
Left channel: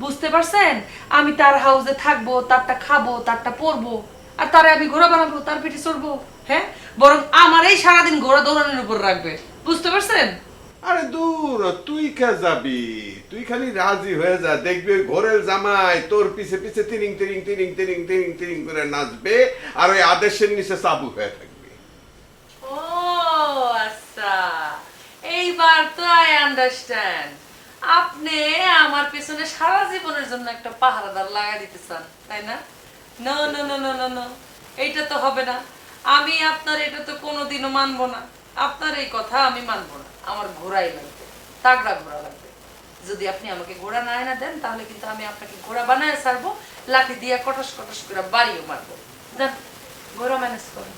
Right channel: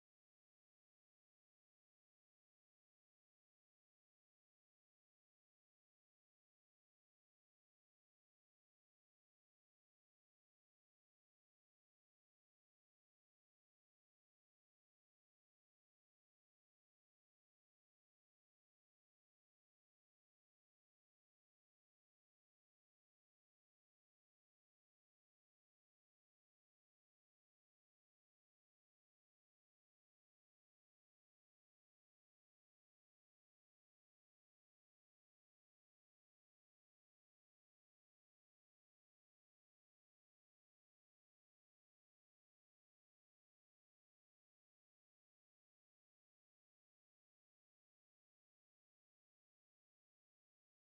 বুঝতে পারছেন? আমি তার হাউসে থাকবো, তারটা খাবো, তারটা পরবো, আর তারে আমি ঘোড়া বানাবো, তার পিঠে চড়বো। হ্যাঁ, বরং আমার এই সারাদিন ঘোড়া দৌড়ানোর উপর রাখবে, বুঝতে পারছেন? আরে দূর, তুই কে যাবি? তুই খালি রাজি হয়ে যা, দেখবি ওই ঘোরেল জামাই তোর পিছে পিছে তিরিং তিরিং তিরিং তিরিং তিরিং তিরিং করে নাচবে, আর ওই আদেশের নিচে চাবু হয়ে থাকবে। ও আচ্ছা, এইবার তো আই আন্ডারস্ট্যান্ড। আপনি আমার পেছনে সারা জীবনের জন্য একটা পাহারাদার লাগাই দিতে চান, তাই না? No no no no no no, এইটা তো হবে না। আমি আপনার এটা তো কোনোদিনও মানবো না। আপনার এই কথা আমি মানবো না। আমার ঘোড়াই লাগবে, তাগড়া ঘোড়া লাগবে। যদি আপনি আমাকে ঘোড়া না এনে দেন, তাহলে কিন্তু আমি আপনাকে ঘোড়া বানায় ছাড়বো, লাঠি দিয়ে কটস কটস করে বাড়িও মারবো। দেন, ঘোড়া ম্যানেজ করেন।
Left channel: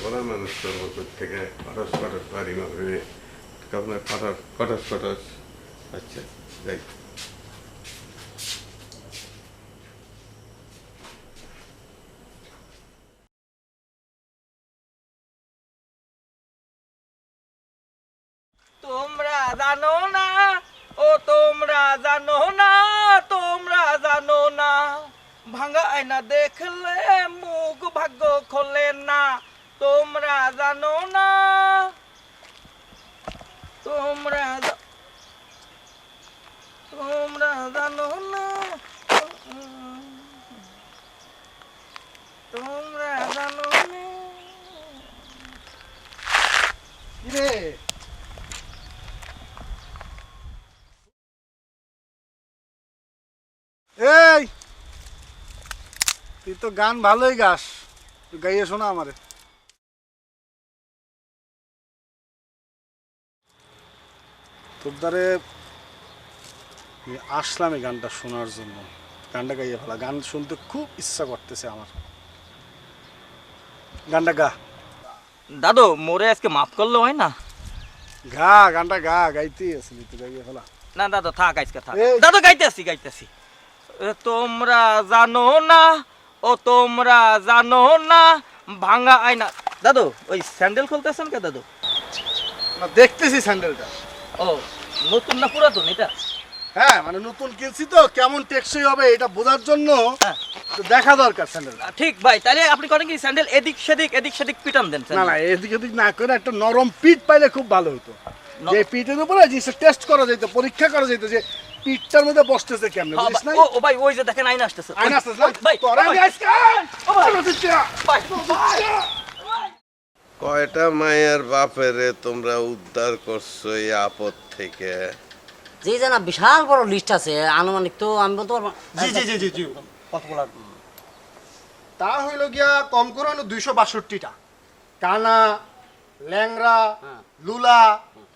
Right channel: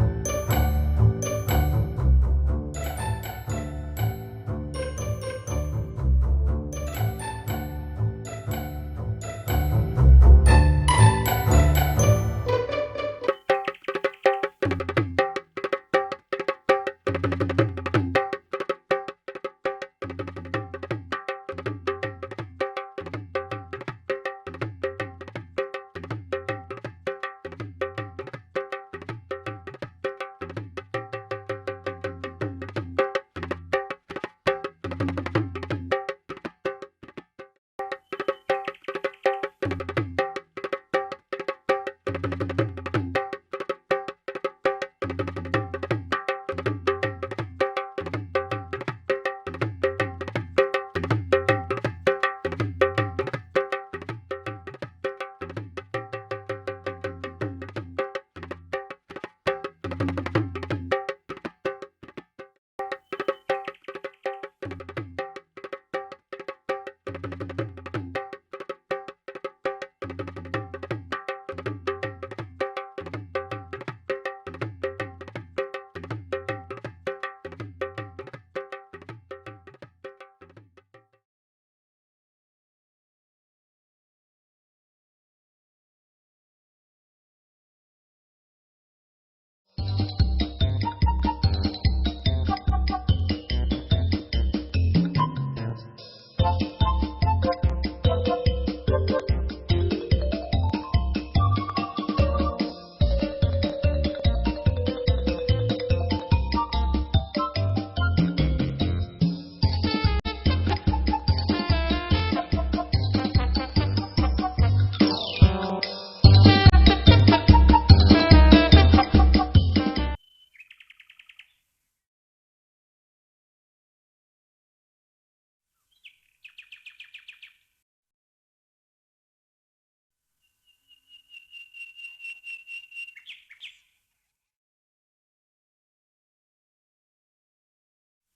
ঘোড়া মানুষ তো প্রথম থেকে খরচ খরচ বাড়ি মারবে, তখন খরচ খরচ খরচ। আচ্ছা দেখ, তোমরা জানো না, ও তোমরা জানো না, তোমরা জানো না, ভাঙা আয়না দেখলে মুখ ভাগ্য খোলে না। তোমরা জানো না, তোমরা তোমরা জানো না, তোমরা জানো না। এই, তুই তো গান ভালোই গাস, তুই গাইয়ে শোনা আমারে। তোর দ্বারে আসলাম এই গানটা শোনার জন্য। গানটা গাইয়ে ফেলা, গান শুনতে খুব ইচ্ছা করতেছে আমার। গানটা গা। দাদু, মোরে আজকে মাফ করলে হয় না? গা, গানটা গা, গাইতেই আসলি তুই, গাইয়ে ফেলা। না দাদু, থাক আজকে থাক। এই। দাদু গাইতেছি গাইতেছি। তোমরা জানো না, ও তোমরা জানো না, ভাঙা আয়না। দাদু, ওই স্যান্ডেল খুলতেছেন কে দাদু? আমরা দেখতেছি স্যান্ডেলটা। ও, নতুন না পুরাতন এটা? হ্যাঁ, মানে নতুন কিনছি তো, কেমন টেকসই হবে এটা বোঝার জন্য হ্যাঁ। তো দেখা দরকার স্যান্ডেলটা। ঠিক ভাই, তাহলে আপনি করেন কি, স্যান্ডেল এদিক সেদিক পিটান দেন। না না, এদিক ওদিক না করে একটা নরম পিঠ পাইলে খুব ভালো হতো। যে পিঠের উপরে জিনিসটা টেস্ট করা যেত, পরীক্ষা করা যেত যে পিঠটার মধ্যে বসতেছে কেমন, বুঝিস না? ও ভাই, ওই যে দেখেন আইনা আসতেছে। আয়না আসতেছে না? ভাই, তোরে আমি আজকে কয়টা মায়ের বাপেরে তোমরা উদ্ধার করছো এই আপদ থেকে? জি জানা, বিশাল বড় লিস্ট আছে, আনুমানিক তো আমি বলতে পারবো। জি জি জি জি জি কত বলার তা হইল গিয়া কম করে 262টা। কানা, ল্যাংরা, লুলা,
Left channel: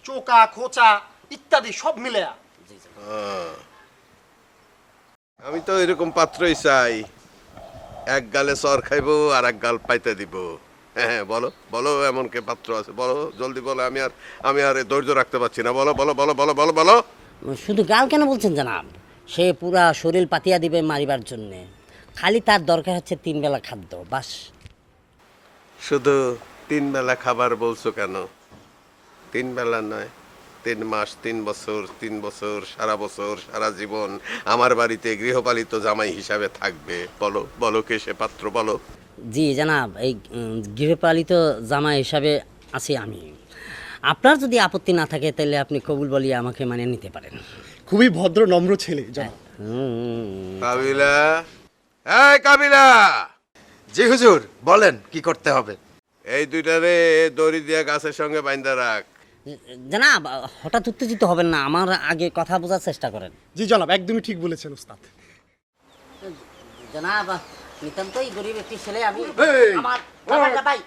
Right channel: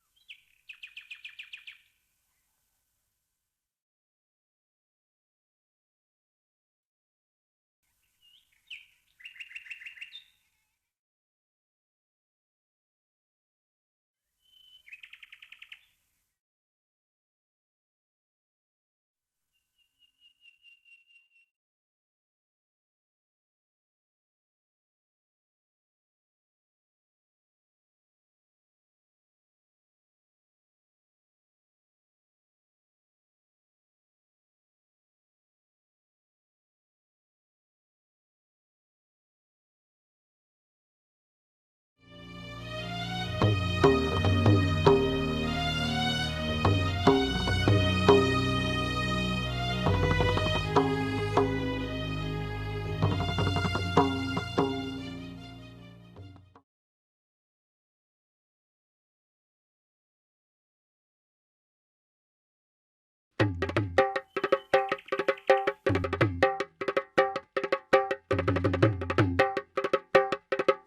চোকা, খোঁচা ইত্যাদি সব মিলে। আমি তো এরকম পাত্রই চাই, এক গালে চর খাইবো আর এক গাল পাইতে দিব। হ্যাঁ, বলো বলো, এমন কে পাত্র আছে? বলো জলদি বলো, আমি আর ধৈর্য রাখতে পারছি না। বলো বলো বলো বলো বলো বলো। শুধু গাল কেন বলছেন জানাব? সে পুরা শরীর পাতিয়া দিবে মারিবার জন্যে, খালি তার দরকার হচ্ছে 3 বেলা খাদ্য, বাস। শুধু 3 বেলা খাবার বলছো কেন? 3 বেলা নয়, 3 মাস, 3 বছর, 3 বছর, সারা বছর, সারা জীবন আমার বাড়িতে গৃহপালিত জামাই হিসাবে থাকবে। বলো বলো, কে সে পাত্র? বলো। জি জানাব, এই গৃহপালিত জামা হিসাবে আছি আমি। আপনার যদি আপত্তি না থাকে তাহলে আপনি কবুল বলিয়ে আমাকে মানে নিতে পারেন। খুবই ভদ্র নম্র ছেলে। কাবিলা, এই কাবিলা। জি হুজুর, বলেন কি করতে হবে? এই দুইটারে দড়ি দিয়া গাছের সঙ্গে বাইন্ধা রাখ। জানাব, হঠাৎ উত্তেজিত হবেন না, আমার আগে কথা বোঝার চেষ্টা করেন। জি জনাব, একদমই ঠিক বলেছেন ওস্তাদ। জানাব, নিতান্তই গরিব একটি ছেলে আমি। এই, আমার ব্যাপারটা ভাই।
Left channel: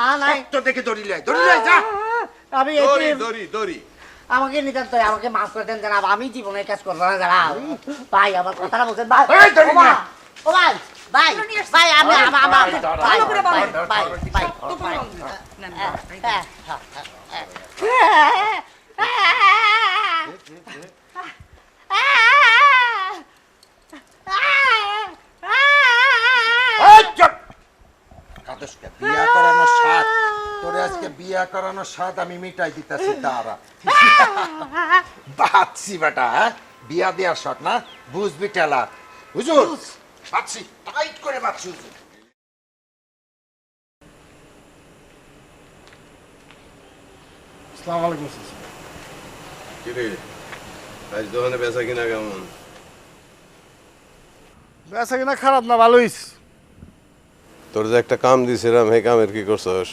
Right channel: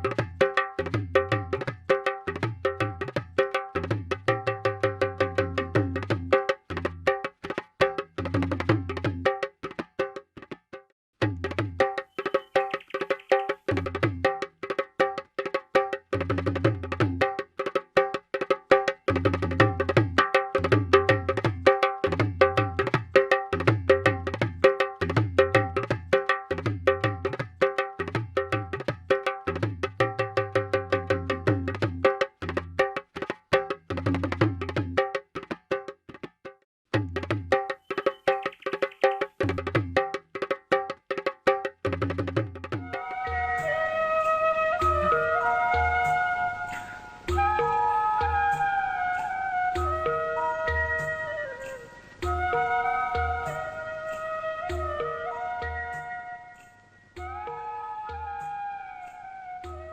মা নাই তো দেখে দড়ি লাই যা আমি দড়ি দড়ি দড়ি আমাকে নিতে তো আমাকে মাফ করে দেন জানাব আমি জীবনে কাজ করবো না জানাব ভাই আমার কথাটা বলছেন ভাই এই দড়ি ও মা, নিয়ে। ও ভাই ভাই ভাই আমি ভাই ভাই ভাই এই চুপ! কাঁদিস না। বিয়া করানোর স্বাদ, তোরে আজকে বিয়া করানোর স্বাদ আমি মিটাই দিতেছি দাঁড়া। বাচ্চি বেটা, হ্যাঁ? বিয়া দেওয়ার স্বাদ না বুঝবি টেলা হুজুর বাচ্চি টাইট করে বাচ্চি আসসালামু আলাইকুম চাচা। কিরে আজ দোকানে বেচা কিনা কেমন? বেচা কিনা খারাপ না ভালোই। তোর যে একটা কাম দিছিলাম সেই কামের কি করছস?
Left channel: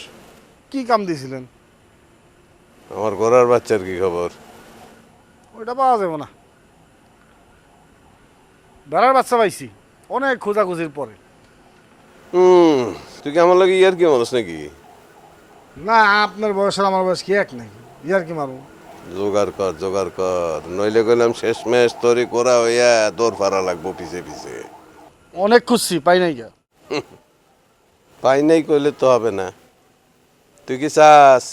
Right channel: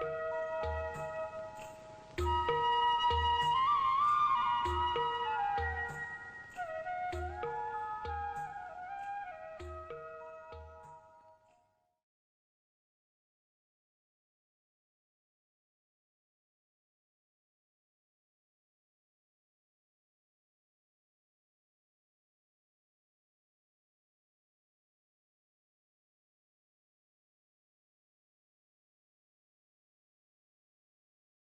কি কাম দিয়েছিলেন? আমার ঘোড়ার বাচ্চার কি খবর? ওইটা পাওয়া যাবে না। বেড়ার বাচ্চা পাইছি অনেক খোঁজাখুঁজির পরে। তুই কি আমার লাগে ইয়ার কি মানুষ নাকি? না আপনার বয়স আর আমার বয়স কি এক নাকি? ইয়ার কি মারবো? জোগাড় কর নইলে কইলাম শেষমেশ তোরই করা হইয়া দৌড় ফারা লাগবো পিছে পিছে। অনেক খুঁজছি পাই নাই গা। পাই নাই কইলে তো হবে না। তুই কি চাস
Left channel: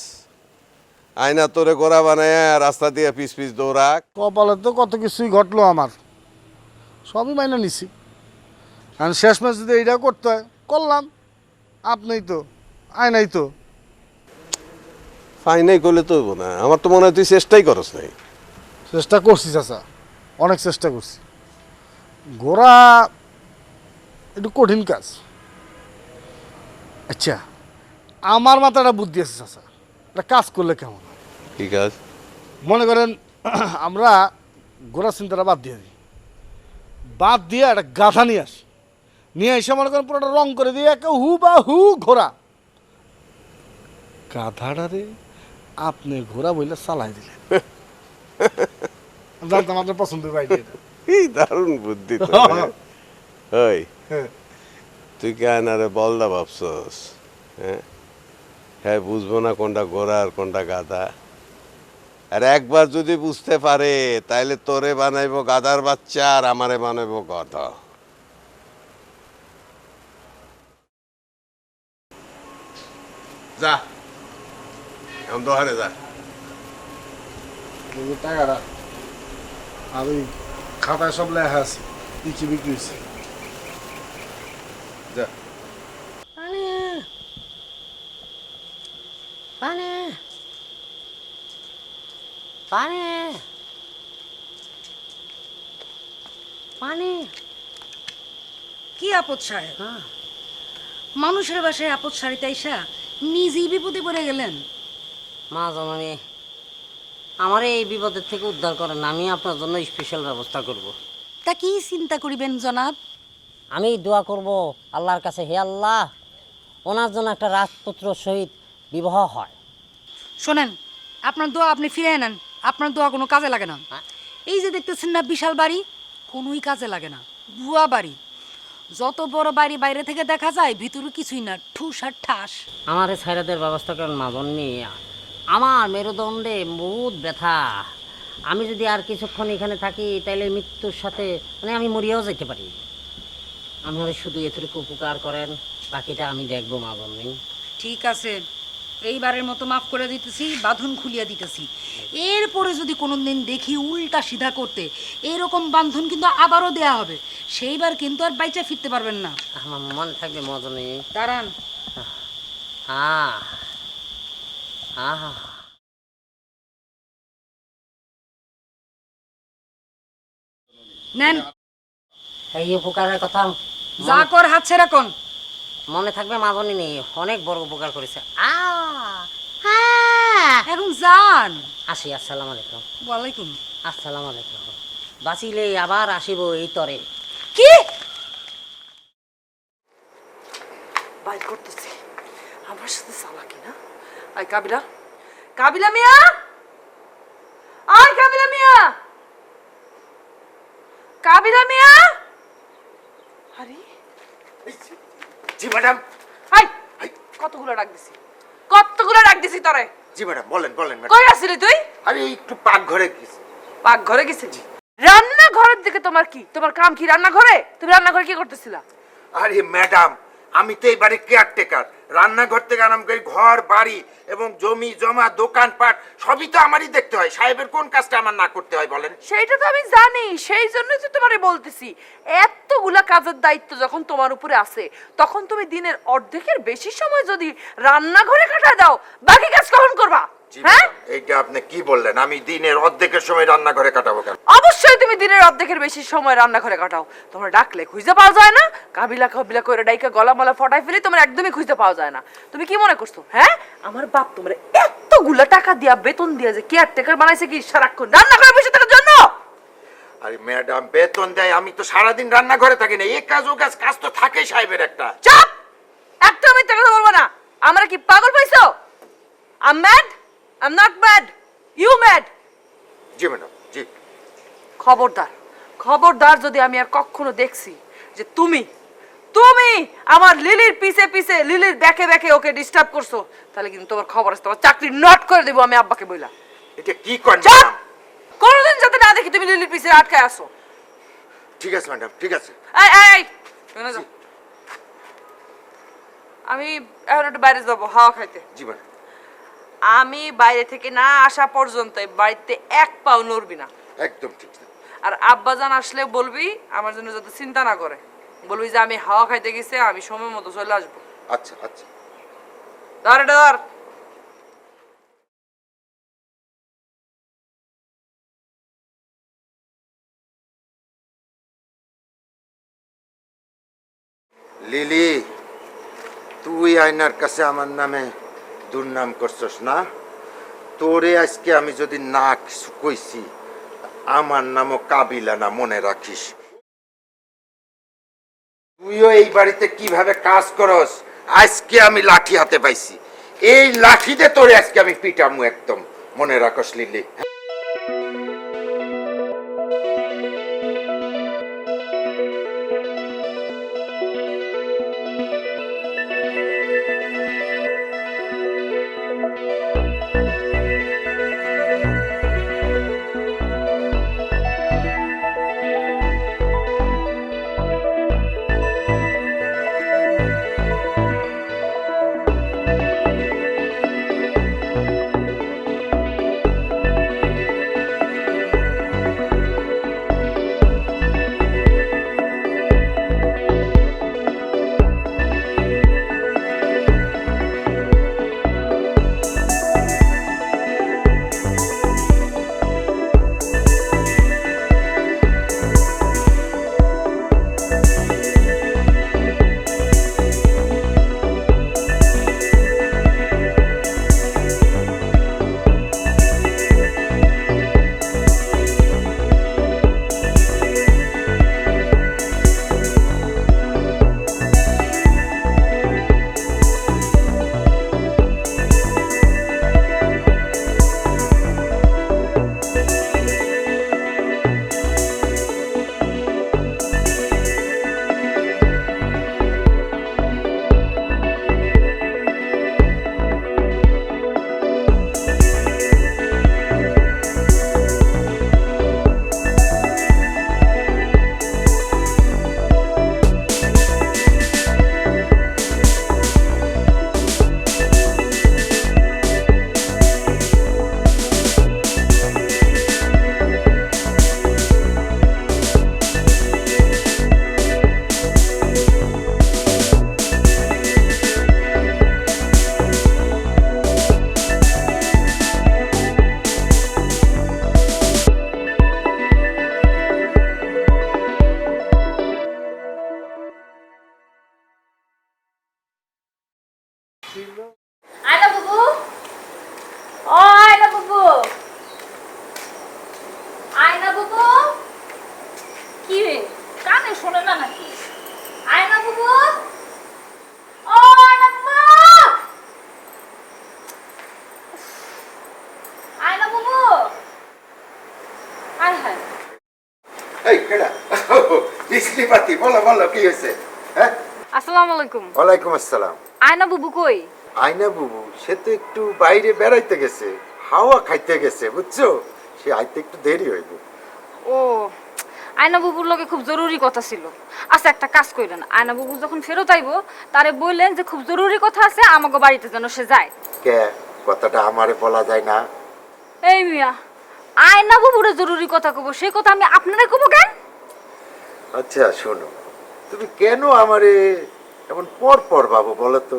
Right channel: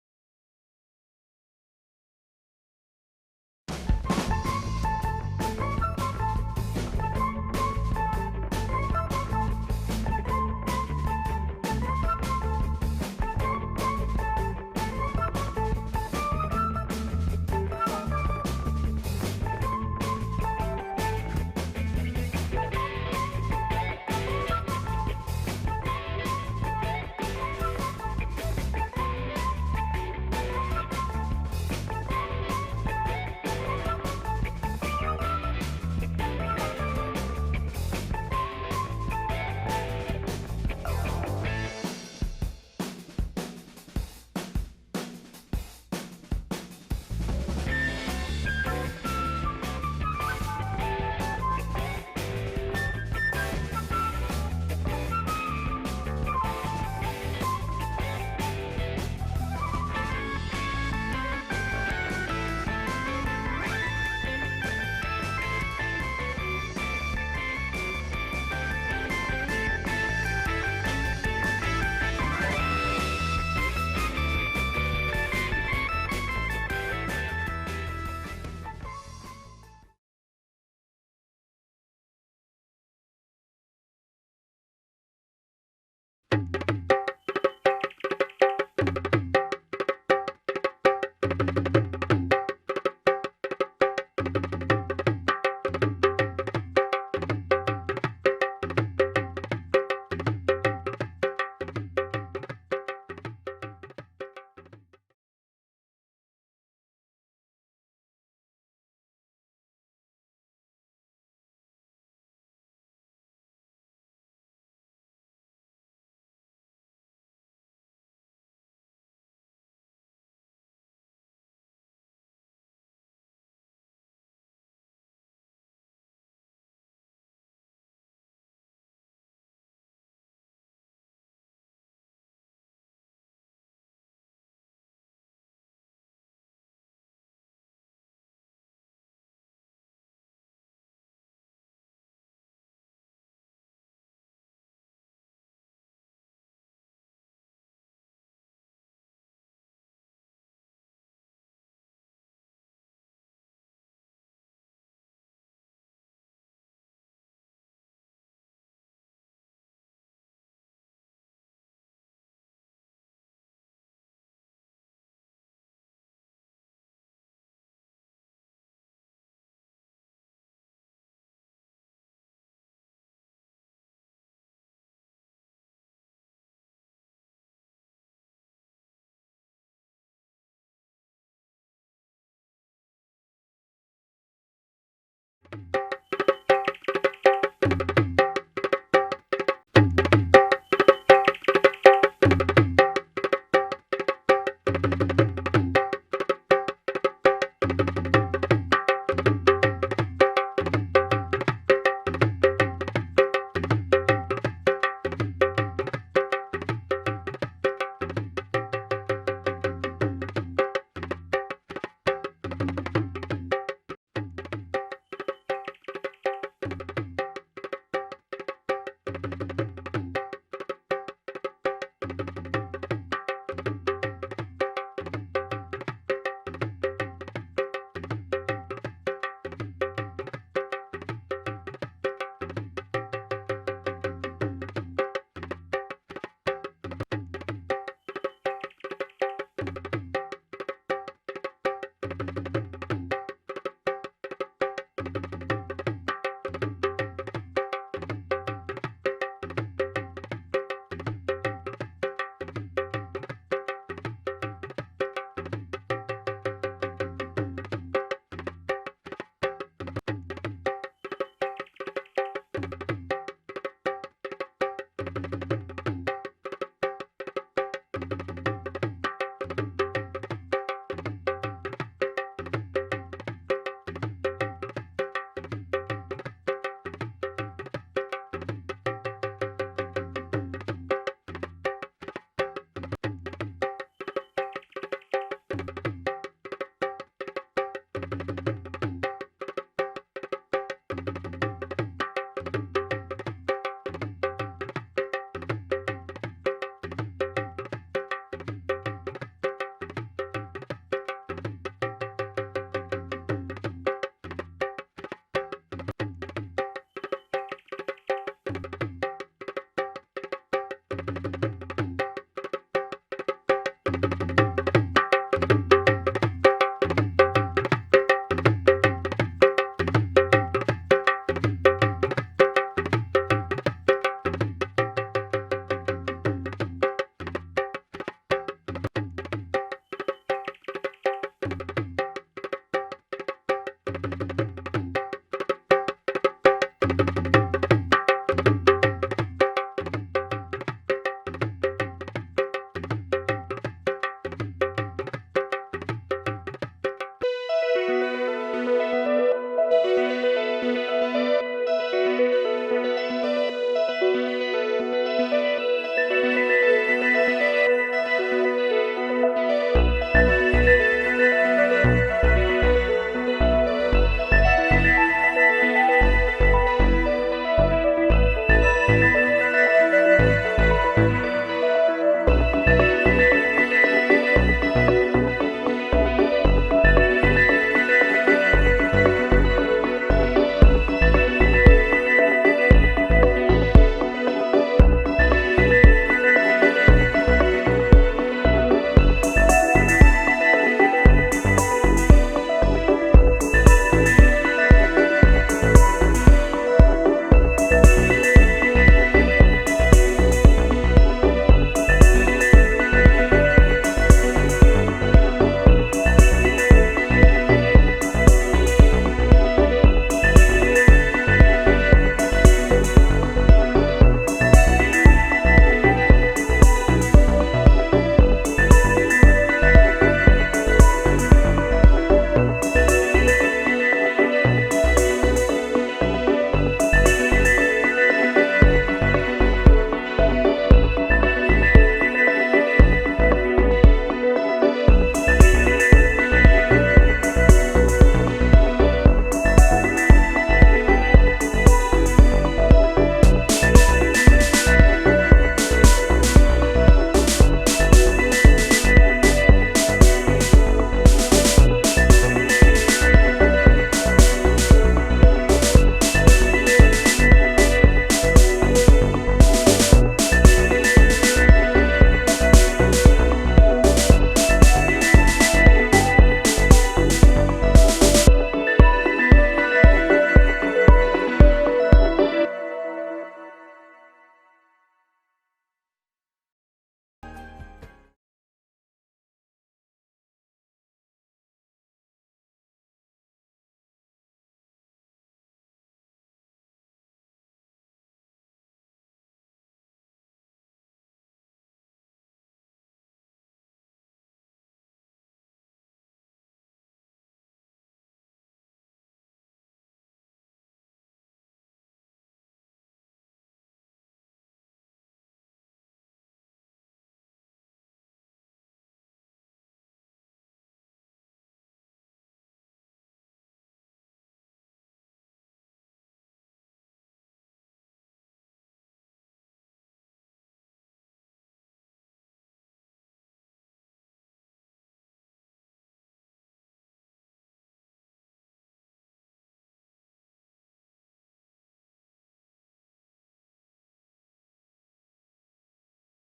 আয়না তোরে গোড়া বানায় রাস্তা দিয়ে পিছ পিছ দৌড়াক? কপালে তো কত কিছুই ঘটলো আমার, সবই মাইনে নিছি। আর শেষ ম্যাচ যদি এইটা করতে হয় করলাম। আপনি তো আয় নাই তো। পাই নাই কইলে তো হইব না। আমার তো মনে হয় তুই চেষ্টাই করস নাই। চেষ্টা করছি চাচা, অনেক চেষ্টা করছি। ঘোড়া একটু কঠিন কাজ। আচ্ছা আমার মাথায় একটা বুদ্ধি আছে চাচা, একটা কাজ করলে কেমন? ঠিক আছে মনে করেন আমরা ঘোড়া চিন্তাটা বাদ দিয়ে একটা গাধা নিয়ে আসি, নিয়ে এসে মনে করেন পুরোটা রং করে দিয়ে একটা হু বা হু ঘোড়া। গাধাটারে আপনি ঘোড়া বইলে চালাই দিলেন। জানতাম আপনার পছন্দ ভাই। এই দারুণ বুদ্ধি তো। ওই তুই কে আয়নারে বলদা ভাবছস? হ্যাঁ বুঝবো না কোনটা ঘোড়া আর কোনটা গাধা? আর একবার যদি বুঝতে পারে তাইলে তোরে বানাইবো গাধার বাচ্চা আর আমারে বানাইবো গাধা। যা দোকানে যা। টাকাটা আর ওই খাতায় সব লেখা আছে কি কি বিক্রি হয়েছে। যা কি আপদ সাহেব, মানুষের বাসায় আপদ সারিতে আইসা নিজেই বিপদে পড়ে গেলেন। মা জননী আমার এই বিপদের থেকে উদ্ধার করেন, আমি আপনার জন্য স্পেশাল ব্যবস্থা করব। তা কি চিন্তা করিবেন জনাব? আমি দোয়া করব আল্লাহর কাছে, হে আল্লাহ ওনার জন্য একটা রাজপুত্র সহিত বিবাহ হয়। শোনেন, আপনার দোয়া আপনি ফিরে নেন, আপনার দোয়া কোনো কাজে লাগে না। এই যে দেখতেছেন না বিশাল বাড়ি, কোনোই কাজে লাগে না, ভুয়া বাড়ি। যত বড় বাড়ি বাইরে থেকে দেখা যায়, ভিতরে কিছুই না, ঠুস আর ঠাস। আমার এই ছাইরাদের ব্যবস্থা করেন মা জননী। আমার মেরুদণ্ডে বহুত ব্যথা। আমি যদি আর কিছুক্ষণ এখানে থাকি তাহলে মৃত্যুর সাথে মানে আমি মরিয়াও যেতে পারি। আমার শুধু এতটুকু উপকার করেন, বাকিটা আমি দেখবো মা জননী। ঠিক আছে, এইবারের মতো মাফ করে দিতেছি, বাঁধন খুলিয়া দিতেছি। এরপরে যদি কোনোদিন দেখি উল্টা সিধা করতে, এরকম বাঁধন কিন্তু আবারও দেয়া হবে। সেইবার কিন্তু আর বাইচা ফিরতে পারবেন না। আমার মন থাকবে মা জননী। দাঁড়ান। আহ আহা নেন, এই উপকারের কথা যা কর হাত ছেড়া কোন। মনে থাকবে মা জননী, অনেক বড় উপকার করেছে। এখন যান। আসি, আসসালামু আলাইকুম। ওয়ালাইকুম আসসালামু আলাইকুম। বাঁচিলে আবার আসিব এই তরে। কি? কাবিলা, কাবিলা মিয়া, আর কাবিলা মিয়া, কাবিলা মিয়া। জি ম্যাডাম। হাই, কতগুলো ডাক দিছি। দিছি তোরে? জি ম্যাডাম, বলেন বলেন ম্যাডাম। কই আসলি তুই? আমি একটু পাকঘরে গেছি। পাকঘরে গেছিলি? রান্নাঘরের দিকে তোমার কি? তোমার কাম কি রান্নাঘরে? তুমি রান্নাঘরে কি করতেছিলা? আরে ম্যাডাম, আমি তো এই বাড়ির কেয়ারটেকার। রান্নাঘর থেকে আরম্ভ করে ঘর বাড়ি এবং জমি জমা দোকানপাট সবই তো আমারই দেখতে হয়। সাহেবের কোন কাজটা আমার না করতে হয় বলেন? সেইটা তো আমি জানি, সেই জন্যই তো তোমারে বলতেছি এতগুলা কাজের দায়িত্ব যখন তোমার উপরে আছে তখন তুমি দিনের অর্ধেকের বেশি সময় যদি রান্নাঘরে কাটায় দাও বাকি কাজ কখন করবা? হ্যাঁ, এইটা আপনি কি বললেন? আমি দিনের অর্ধেকের সময় রান্নাঘরে কাটাবো কেন? অবশ্যই তুমি দিনের অর্ধেকের বেশি সময় রান্নাঘরে কাটাও। তোমার ডাকলে খুঁজে পাওয়া যায় না, কাবিলা কাবিলা করে ডাইকা গলা মালা ফটাই ফেলে তোমার একদমই খুঁজে পাওয়া যায় না। তুমি কি মনে করছো হ্যাঁ আমার বাপ তোমার এতগুলা টাকা দিয়া বেতন দিয়া যে কেয়ারটেকার বানাইছে কি সারাক্ষণ রান্নাঘরে বসে থাকার জন্য? আরে ম্যাডাম, বেতন দেয়, আমি তো সারাদিন রান্নাঘরে থাকি না। এই কাজ ও কাজ, কাজ তো থাকেই সাহেবের একটা। চুপ! একটা মিথ্যা কথা বলবো না। আমরা কি পাগল পাইছো? I'm mad? I'm not mad. You mad? জি ম্যাডাম, জি। খবরদার, খবরদার যদি আমি আর কখনো দেখছি যে তুমি তুমি আমার লিলির পিছে পিছে লিলির ব্যাকে ব্যাকে ওকে ডিস্টার্ব করছো তাহলে কিন্তু তোমার খবর আছে, তোমার চাকরি নট করে দেবো আমি আব্বাকে বইলা। এটা কি করেন চুপ! ম্যাডাম? কোনোদিন যাতে না দেখি তুমি লিলির পিছে আটকায় আসো। ঠিক আছে ম্যাডাম, ঠিক আছে। এই এই এখানে যাও। আমি এখন একটু বাইরে যাবো হাওয়া খাইতে। জি ম্যাডাম। আমি বাইরে থেকে না আসা পর্যন্ত এই বাড়িতে এক পাও নড়বি না। একদম ঠিক। আর আব্বাজান আসলে বলবি আমার জন্য যাতে চিন্তা না করে, বলবি যে আমি হাওয়া খাইতে গেছি, আমি সময় মতো চলে আসবো। আচ্ছা আচ্ছা। ধর এটা ধর। লিলি, তুই আয়নার কাছে আমার নামে দুর্নাম করছস না? তোরে আজকে আমি যদি না কিছু কইছি, আমার নামও কাবিলা না, মনে রাখিস। তুইও এই বাড়িতে কিভাবে কাজ করস আজকে আমি লাঠি হাতে পাইছি। এই লাঠিতে তোরে আজকে আমি পিটামু, একদম মনে রাখস লিলি। আয়না বাবু, ও আয়না বাবু, আয়না বাবু, কি রে কানে শোনে না নাকি? আয়না বাবু, ও আয়না বাবু, আয়না বাবু, হায় হায়। এই কেডা? বিজলি বাতি, বলো বলো কি হয়েছে? হ্যাঁ, আসসালামু আলাইকুম। ওয়ালাইকুম আসসালাম। আয়না বাবু কই? আয়না বুবু সে তো একটু বাইরে বেড়াইতে গেছে, হাওয়া খাইতে গেছে, বুঝছো? সে আইতে একটু দেরি হইব। ও আয়না বাবুর লগে খুব জরুরি কথা ছিল। আচ্ছা একটা কাজ কইলেন, আয়না বাবু যখন ফেরত আইবো তারে বললেন যে খুব জরুরি কথা আছে, আমাকে বাড়িতে যেন সে যায়। কে কথাটা আমারে বলা যায় না? এই মিয়া, আয়না বাবুরে জরুরি কথা কব, সেই কথা আমি আপনারে কব কেন? আচ্ছা শোনো, তুমি কেন আমারে এমন পর পর ভাবো বলো তো?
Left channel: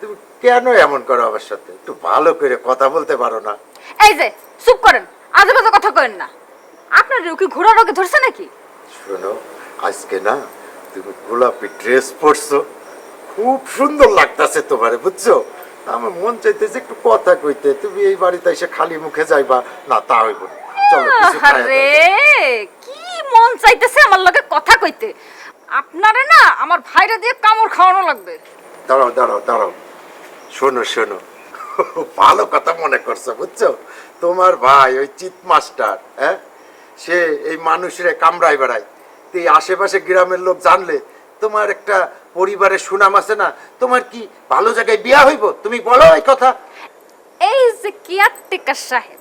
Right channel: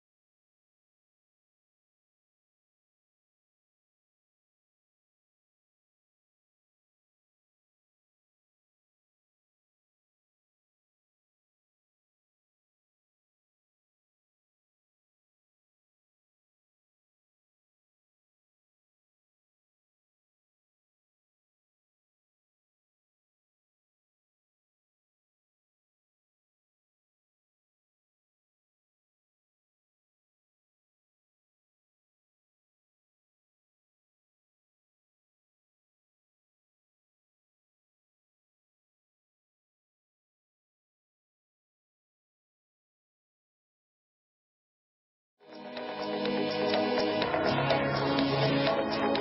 তুমি কেন এমন করো আমার সাথে? একটু ভালো করে কথা বলতে পারো না? এই যে চুপ করেন, আজে বাজে কথা কইেন না। আপনার কি ঘোড়া রোগে ধরছে নাকি? শোনো, আজকে না তুমি গোলাপি ড্রেস পরছো, খুব সুন্দর লাগতাছে তোমারে, বুঝছো? আমার মন চাইতেছে একটু কথা কইতে, তুমি এই বাড়িতে এসে খালি মুখে যাইবা না, তা হইব না। চলো কিছু খাইয়া আরে দাও। কি মন চাইতেছে আমার লগে কথা কইতে? আপনারে না আমার ভাইরা দিয়ে কামড় খাওয়ানো লাগবে। দাঁড়াও দাঁড়াও দাঁড়াও, শোনো শোনো, ভালো কথা মনে করছো, বুঝছো? তোমার ভাই ওই চিত মাস্টার, হ্যাঁ, সে এই মানুষের কামড়াই বেড়ায়। তো এই আশেপাশে গ্রামের লোক জানলে তোমার একটা পরিবারের সুনাম আছে না? তোমার কি ভালো জায়গায় বিয়া হইব? তুমি বলো এই কথা। এই যে কেয়ারটেকার সাহেব,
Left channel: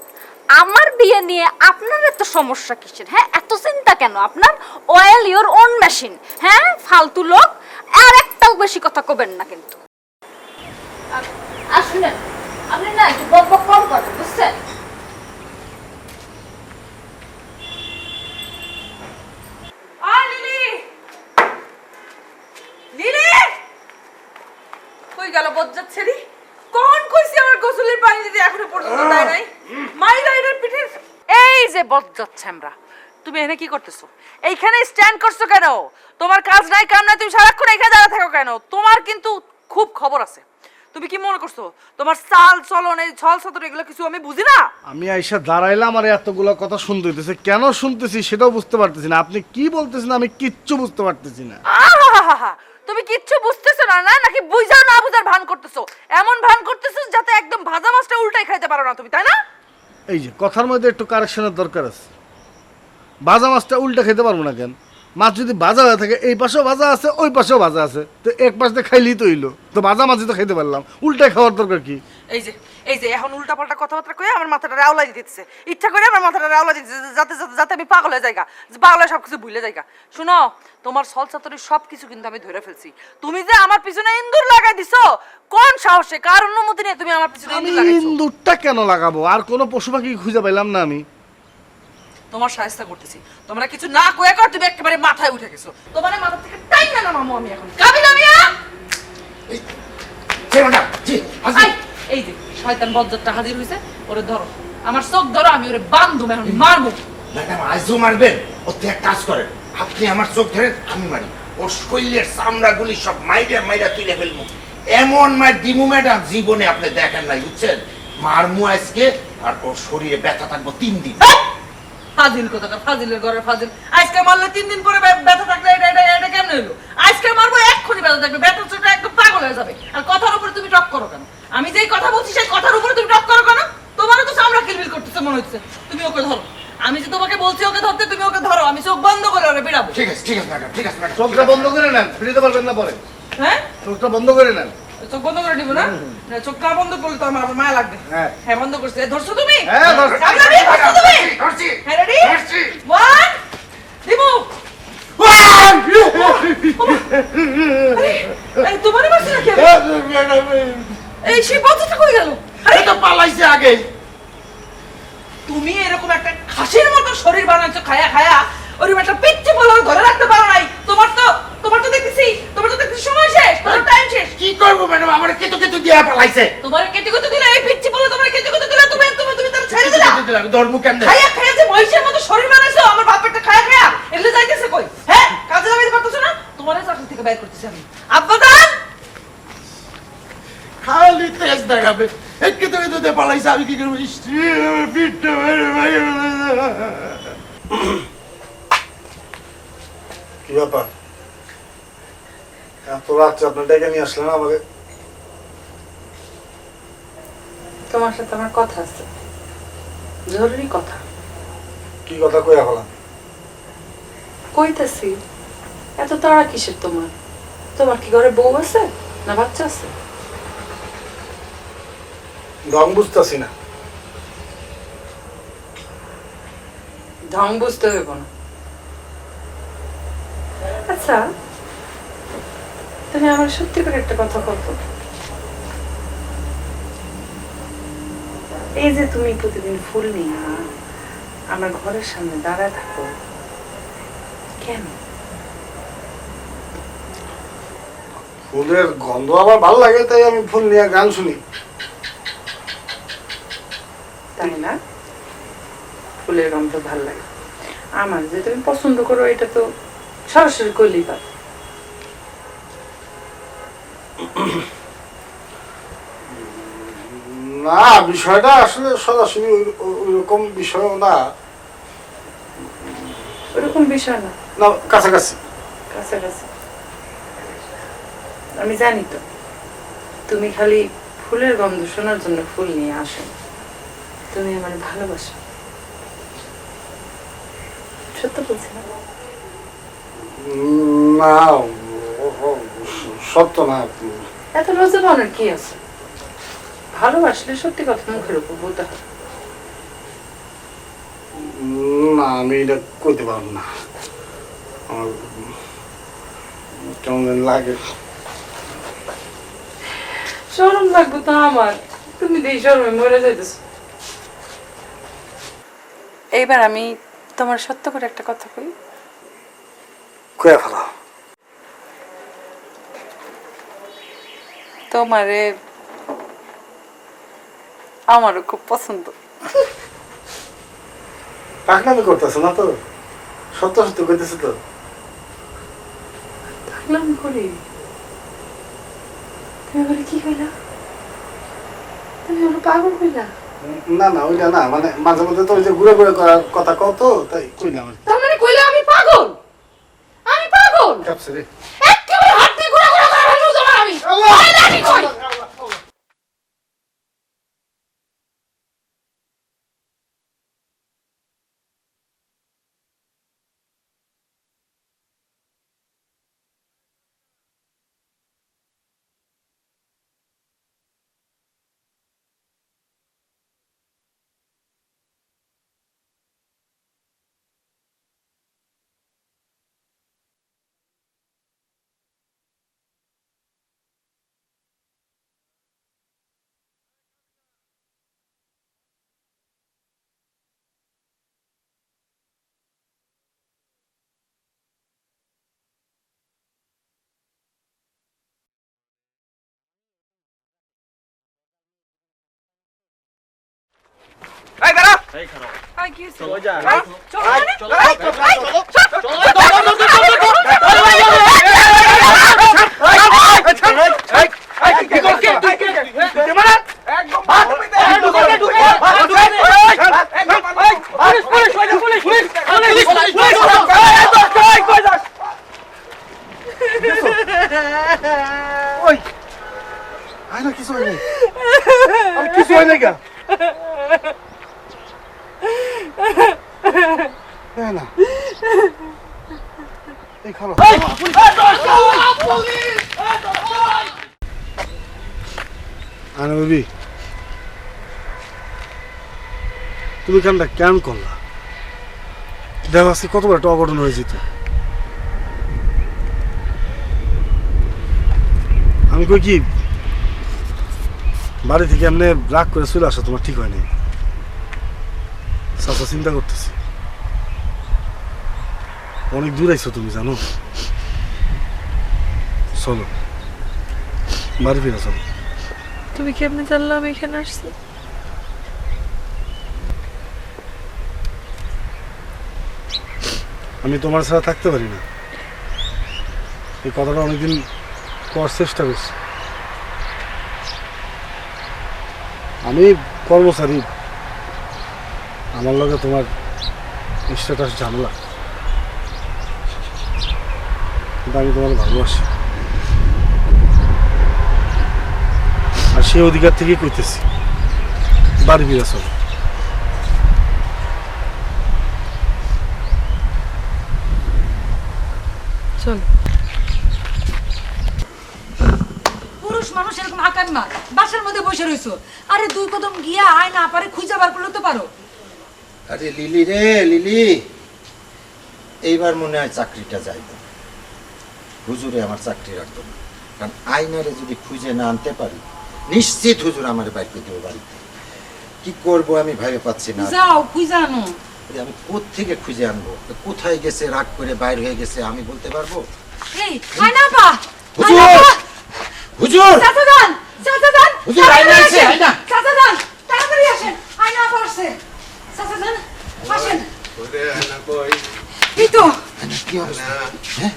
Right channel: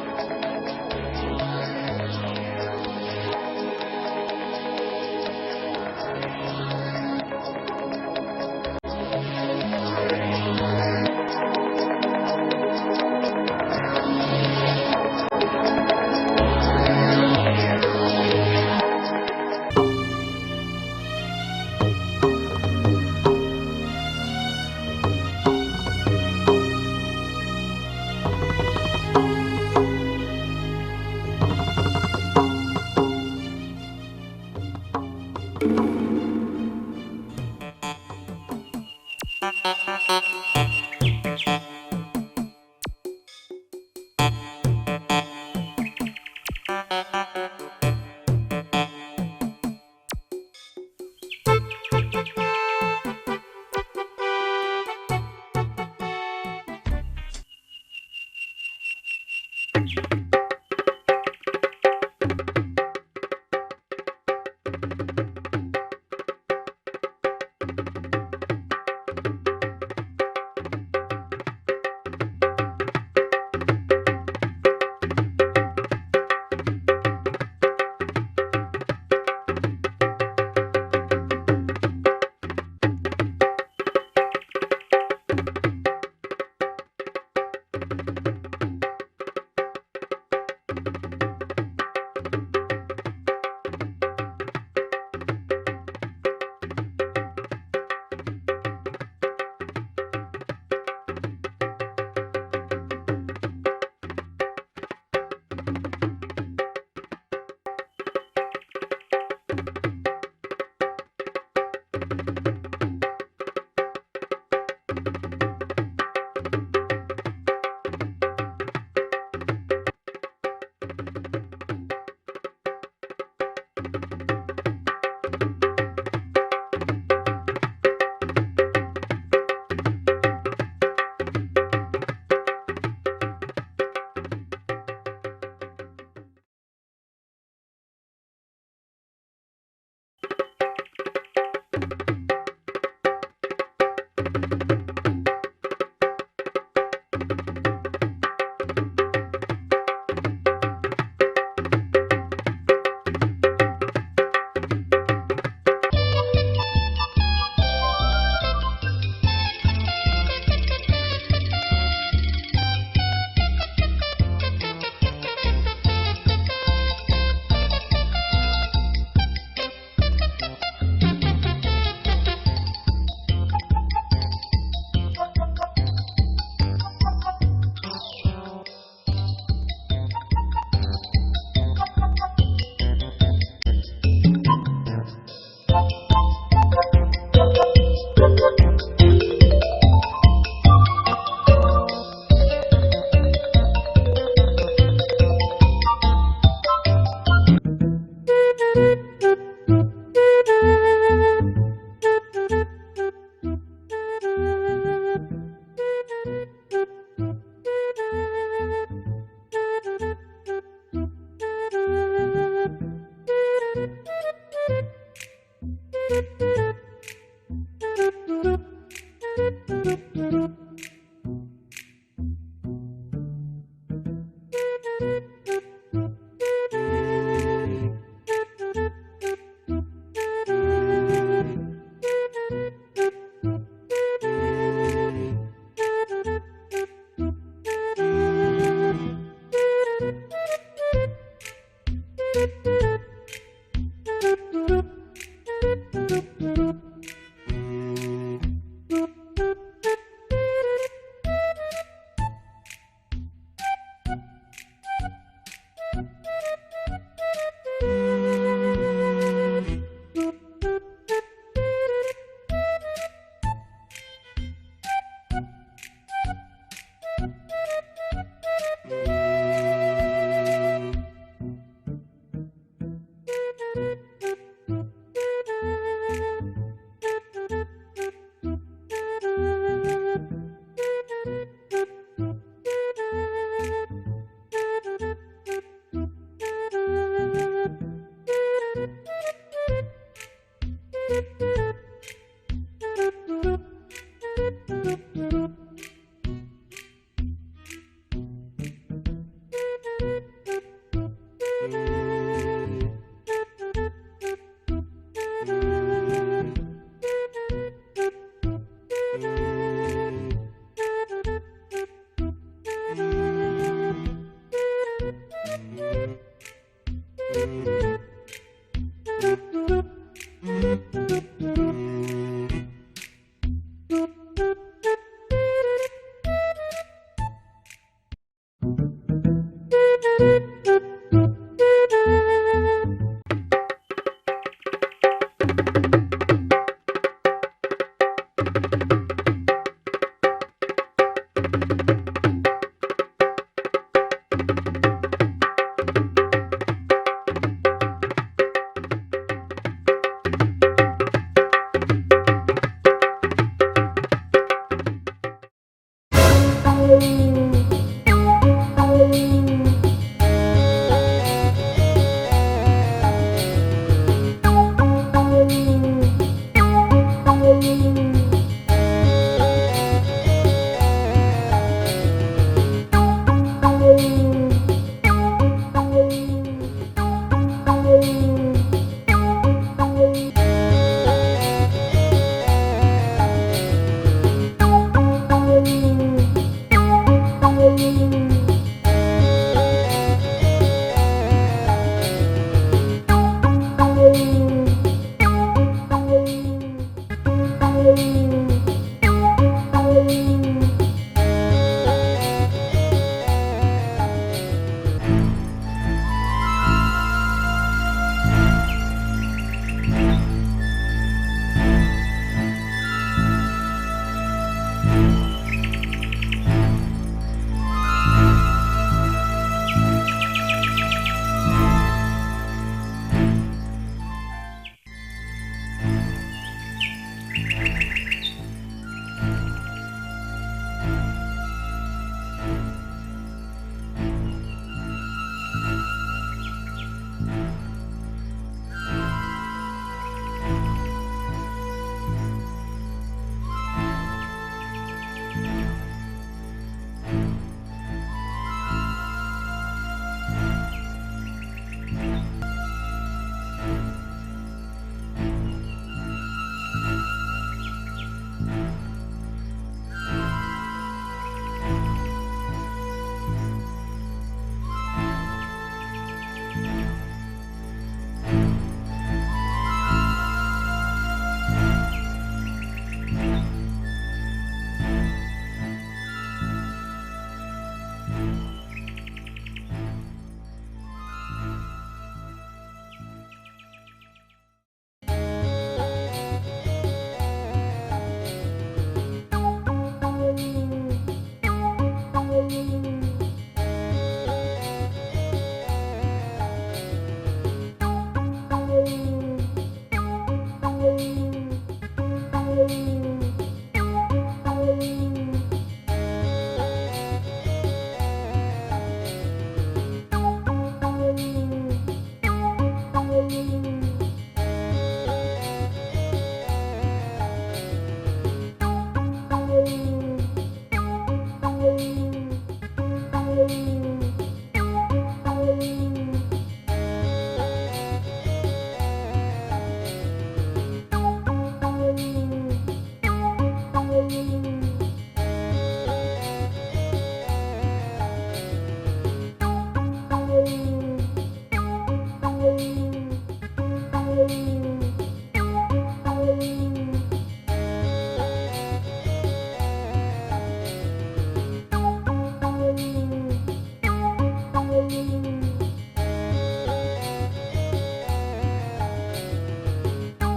আমার বিয়ে নিয়ে আপনার এত সমস্যা কিসের? হ্যাঁ, এত চিন্তা কেন আপনার? Oil your own machine. হ্যাঁ, ফালতু লোক, আর একটাও বেশি কথা কবেন না। আসলে আপনি না বক বক করবেন, বুঝছেন? আয় লিলি, লিলি, কই গেল বজ্জাত ছেলে? কোন কইছি আমার গোসলের পানি দিতে এখন পর্যন্ত দেয় নাই? মাইলাইনের পিঠে এই যে বকচত ছামরা, তুমি এখানে কি করতেছো? এইখানে স্ট্যান্ড করছো কেন? তোমার কাজ নাই কাম নাই, তুমি সারাক্ষণ এখানে দাঁড়া থাকো কেন? তোমার কিন্তু খুব খবর আছে। তুমি কি মনে করছো তোমার চাল চলন এই ছল ছতর এগুলো কিছু আমি বুঝি না? আমি আইসা দাঁড়াইলাম আর এতগুলো কথা শুনতে হইতেছে, কেন শুনতেছি সেটাও বুঝতে পারতেছি না। আপনি কি বলতেছেন আমি কিচ্ছু বুঝতে পারতেছি না। আহাহাহা, তুমি কিচ্ছু বুঝতেছো না না, নাকি বুঝাও না বুঝার ভান করতেছো? এমন ভান করতেছো যাতে একদম ভাজা মাছটা উল্টাই খাইতে পারো না তুমি, তাই না? এই যে কথার মধ্যে একটু কারেকশনের দরকার আছে। ভাজা মাছটা উল্টা খেতে পারবো না কেন? মাছ যদি ভাজা হয়ে থাকে, এই পাশেও ভাজা আছে ওই পাশেও ভাজা আছে, তো এক পাশে খাইলেই তো হইলো। তো ভাজা মাছ তো খাইতে পারলাম, উল্টাই খাওয়ার দরকার কি? এই যে এখন উল্টা পাল্টা কথাবার্তা কয়ে আমার মাথাটা রাউলাই দিতেছে, ইচ্ছা করে আমার মাথাটা রাউলাই দিতেছে যাতে যাতে যাতে আমি পাগল হয়ে যাইগা, পাগল হয়ে সবকিছু ভুলে যাইগা। শোনো, তোমার সলসাতরি সবকিছু কিন্তু আমি ধরে ফেলছি। তুমি যে আমার পিছনে ইন্দুর লাগাই দিছো, কোন সাহসে, কার অনুমতি নিয়ে তুমি আমার পিছনে আমি ইন্দুর লাগাইছো? ইন্দুরটা কেন লাগাবো? আর কোনো পশু পাখি খুঁজে পাইলাম না আমি। তোমার সাহায্য করতেছি, তোমরা কিছু না কয়ে কর তুমি একেবারে মাথায় উঠে গেছো। তোমার মাথা থেকে টাইম না মামু, আমি এখন কাবি না মিয়া। আই, এই যে শয়তান বজ্জাতটা হাজির হইছে, ওরে ধরো, আমার চোখ ধরো, আমি ওরে বান্ধব এখন মারবো। ম্যাডাম আজও মারবেন? ওতে এক কাজ করেন, আপনি আমার চোখ ধরে আমি মারি, ওর শরীরের চামড়াগুলি সব মাইরা মাইরা তুলে ফেলবো। এমন মার দিমু ম্যাডাম জীবনে আপনি দেখেন নাই, বুঝছেন? মারমু আজকে, আর ওর শরীরে ব্যথা থাকবো 3 দিন। ফাজিল কোথাকা, ফাজিলের ঘরে ফাজিল। আজকে মারলে 3 দিন পরে ব্যথা থাকলে এটা কেমন হইলো? আজকে মারবো এক্ষুনি ব্যথা থাকবে, ব্যথা চোখটা একদম পাগল হয়ে যাবে। আর কথার উপরে তুমি টক করো কেন? আমি যেই কথা বলছি সেই কথার উপরে তুমি টক করো কেন? তোমারও তো চামড়া কিলবিল করতেছে মনে হচ্ছে। তুমি ওকে ধরো, আমি যে তোমাকে বলছি ওকে ধরতে, তুমি ওকে ধরো, আমি চোখ বন্ধ করে ওরে বেড়াবো। ঠিক আছে ম্যাডাম, ঠিক আছে ম্যাডাম। চোখটা বন্ধ করে নেন, ফিরিতে পারবেন না পরে। হ্যাঁ, চোখটা বন্ধ করে নেন। চোখ বন্ধ করে দিব না? না, চোখ না বন্ধ করলে তো আমার মায়া লাগবে। হ্যাঁ। হ্যাঁ, বন্ধ করছে। ধরছো তুমি? হ্যাঁ, ধরছি। সামনে ধরছো তুমি? ধরছি। হ্যাঁ, রেডি? ধরছি। 1 দিব। এই তোমার মারছে নাকি? এই সে বন্ধটা করে গেল। আরে তো পালাইছে আগে। তুমি এরকম একটা খাসির মতো শরীর বানাচ্ছো খায়া খায়া, ওরকম একটা পিচ্চি বলে ধরে রাখতে পারো নাই। তোমার তো দেখতেছি সময় শেষ, তোমার টাইম শেষ। কি করবো ম্যাডাম, আমার কেতু কেতু দিয়া পালাইছে। তোমার কেটে কেটে দিলে, এই পিচ্চি বলে তোমার কেটে কেটে দিলে, তুমি তার ছেড়ে দিলা। আমি ধরবো কেমনে? খায়া খায়া যে মহিষের মতো শরীর বানাইছো, আমার বাপেরটা খায়া খায়া এগুলো যাইতেছে কই? হ্যাঁ, কাজে লাগাইতে পারতেছো না? তোমার চাকরি থেকে বাইর করতেছে আব্বা। খালি তেজ দেখাবে, এক কেতু কেতু দিয়ে পালাইছে, আমি কি করবো? পিঠটা কি ব্যাপার? এত রাত্রে আপনি ডেকে নিয়ে আসলেন আমাকে? তোমার সাথে আমার কথা আছে, জরুরি কথা। কি কথা কইয়া বলা? কইতেছি, এত তাড়া কিসের তোমার? তোমার কি ঘরে বউ আছে না বাচ্চা আছে? রং বুঝতেছি না। ঢং বুঝতে হইব না। আচ্ছা, তুমি আমার সত্যি করে একটা কথা বলতো, এই যে তুমি প্রতিদিন ফুল নিয়ে আমার ঘরের সামনে দাঁড়ায় থাকো, কেন? ফুলের গন্ধ আমার ভালো লাগে, তাই আমি ফুল নিয়ে গান শুনি। তাই না? ফুলের গন্ধ ভালো লাগে আমার, যে তুমি পছন্দ করো এটা তো সরাসরি করলেই পারে। না, বিষয়টা আসলে সরাসরি ওরকম বিষয় না। ওরকম বিষয় না, না, কাছাকাছি। কাছাকাছি। আমি জানি তো তুমি খালি ফুলের গন্ধ শোনার জন্য ফুল নিয়ে আসো, তুমি আমার ভালোবাসো। সত্য বলছি না, সত্য না। এত লজ্জা পাওয়ার কি আছে? ভালোবাসলে সত্যি কথা মুখের উপর বলতে হবে। না, আমি এটা করতে পারবো না। আমার কেমন যেন লাগে। শরম লাগবে তো আমার, তুমি তো এই শরমে মরে যাইতেছ। এইবার আমি তোমার সত্য করে একটা কথা কই। কয়ে ফেলো। তোমারে আমারও খুব পছন্দ। পাকনামি করতেছো না তো? সত্য সত্য কইতেছো তো? পাগলামি করি? তুমি আমাকে কি কইলা? তুমি আমাকে পাগল কইলা? না না, ওইটা না, মানে মাঝে মধ্যে তো ওই যে ঘুরে ঘুরে করার কথা কত, তাই কই না। তার মানে কইলা আমি পাগল? আমি পাগল? একেবারে হাত দিয়ে ঘুরে ঘুরে করে ফেলবো তোমার আমি। কইলা আমি কই? এই দাঁড়া। ওই আয় না, কিছু হয় নাই। আমি কিছু হয় নাই কেন? না, এই খালো। আরে বেবি, তুমি কামটা কেন করলা? দেখো আজকে কত বড় একটা অঘটন হয়ে যেত। আমি কই কি, বাড়ি থেকে এমনি রাগ করে চলে আসা তোমার ঠিক হয়নি। চাচা চিন্তা করতেছি, অনেক দূর আইছো তুমি, জানো। চলো বাড়ি ফিরে চলো। তুমি কেমনে জানলা আমি এখানে আসছি? আমি তোমার ছাড়া থাকতে পারি না, এই কথাটা অনেকদিন পর চেষ্টা করছি। আমি কর্মচারী, আমার লগে তোমার স্ট্যাটাস ঝামেলা, কিন্তু আমি তোমার ভালোবাসি, আর সেই অধিকার থেকেই কইতেছি বাড়ি ফিরে চলো। পুরুষ মানুষ এরকম হাঁকান না, বাসার মধ্যে বসে রইছো। আরে দুই কদম গিয়া আয় না পারে খুঁজে বার করলে তো পারো। আরে লিলি রে লিলি, এইবার মনে হয় চাকরিটা যাই, হুজুরে আমার চাকরি রাখতো না। কারণ আইনারে যদি খুঁজে না আনতে পারি, নিশ্চিত হুজুর আমার বাড়িতে কেউ যাবে। কি করবো আমি ভেবে পাচ্ছি না। যাও খুঁজে আনো। আমি কোত্থেকে খুঁজে আনবো? কোথায় গেছে, রাগ করে বাইর হয়ে গেছে, আমি বলতে পারবো? এই আয় না পা, হুজুর হুজুর চাচা যান, চাচা যান, হুজুর, আয়না আছে, আয়না। চাচা যান, তাড়াতাড়ি আসেন, আয়না পড়ছে, চাচা যান, আসেন। এই তো কি অবস্থা? হ্যাঁ?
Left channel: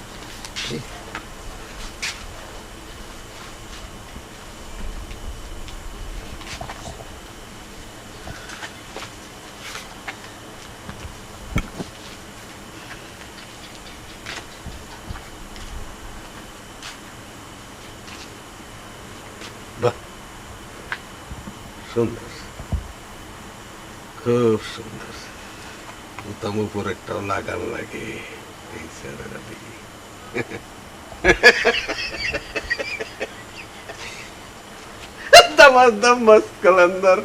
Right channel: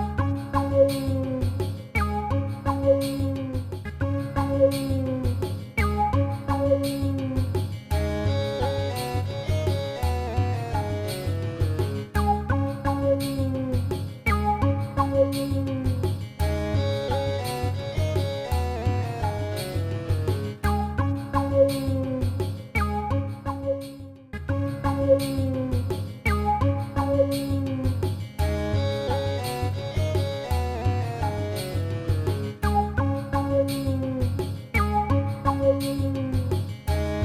সুন্দর, খুব সুন্দর। দম উপর একটা লাগান লাগে এই ছেলেটাকে। দামাস দামাস কালান্দার।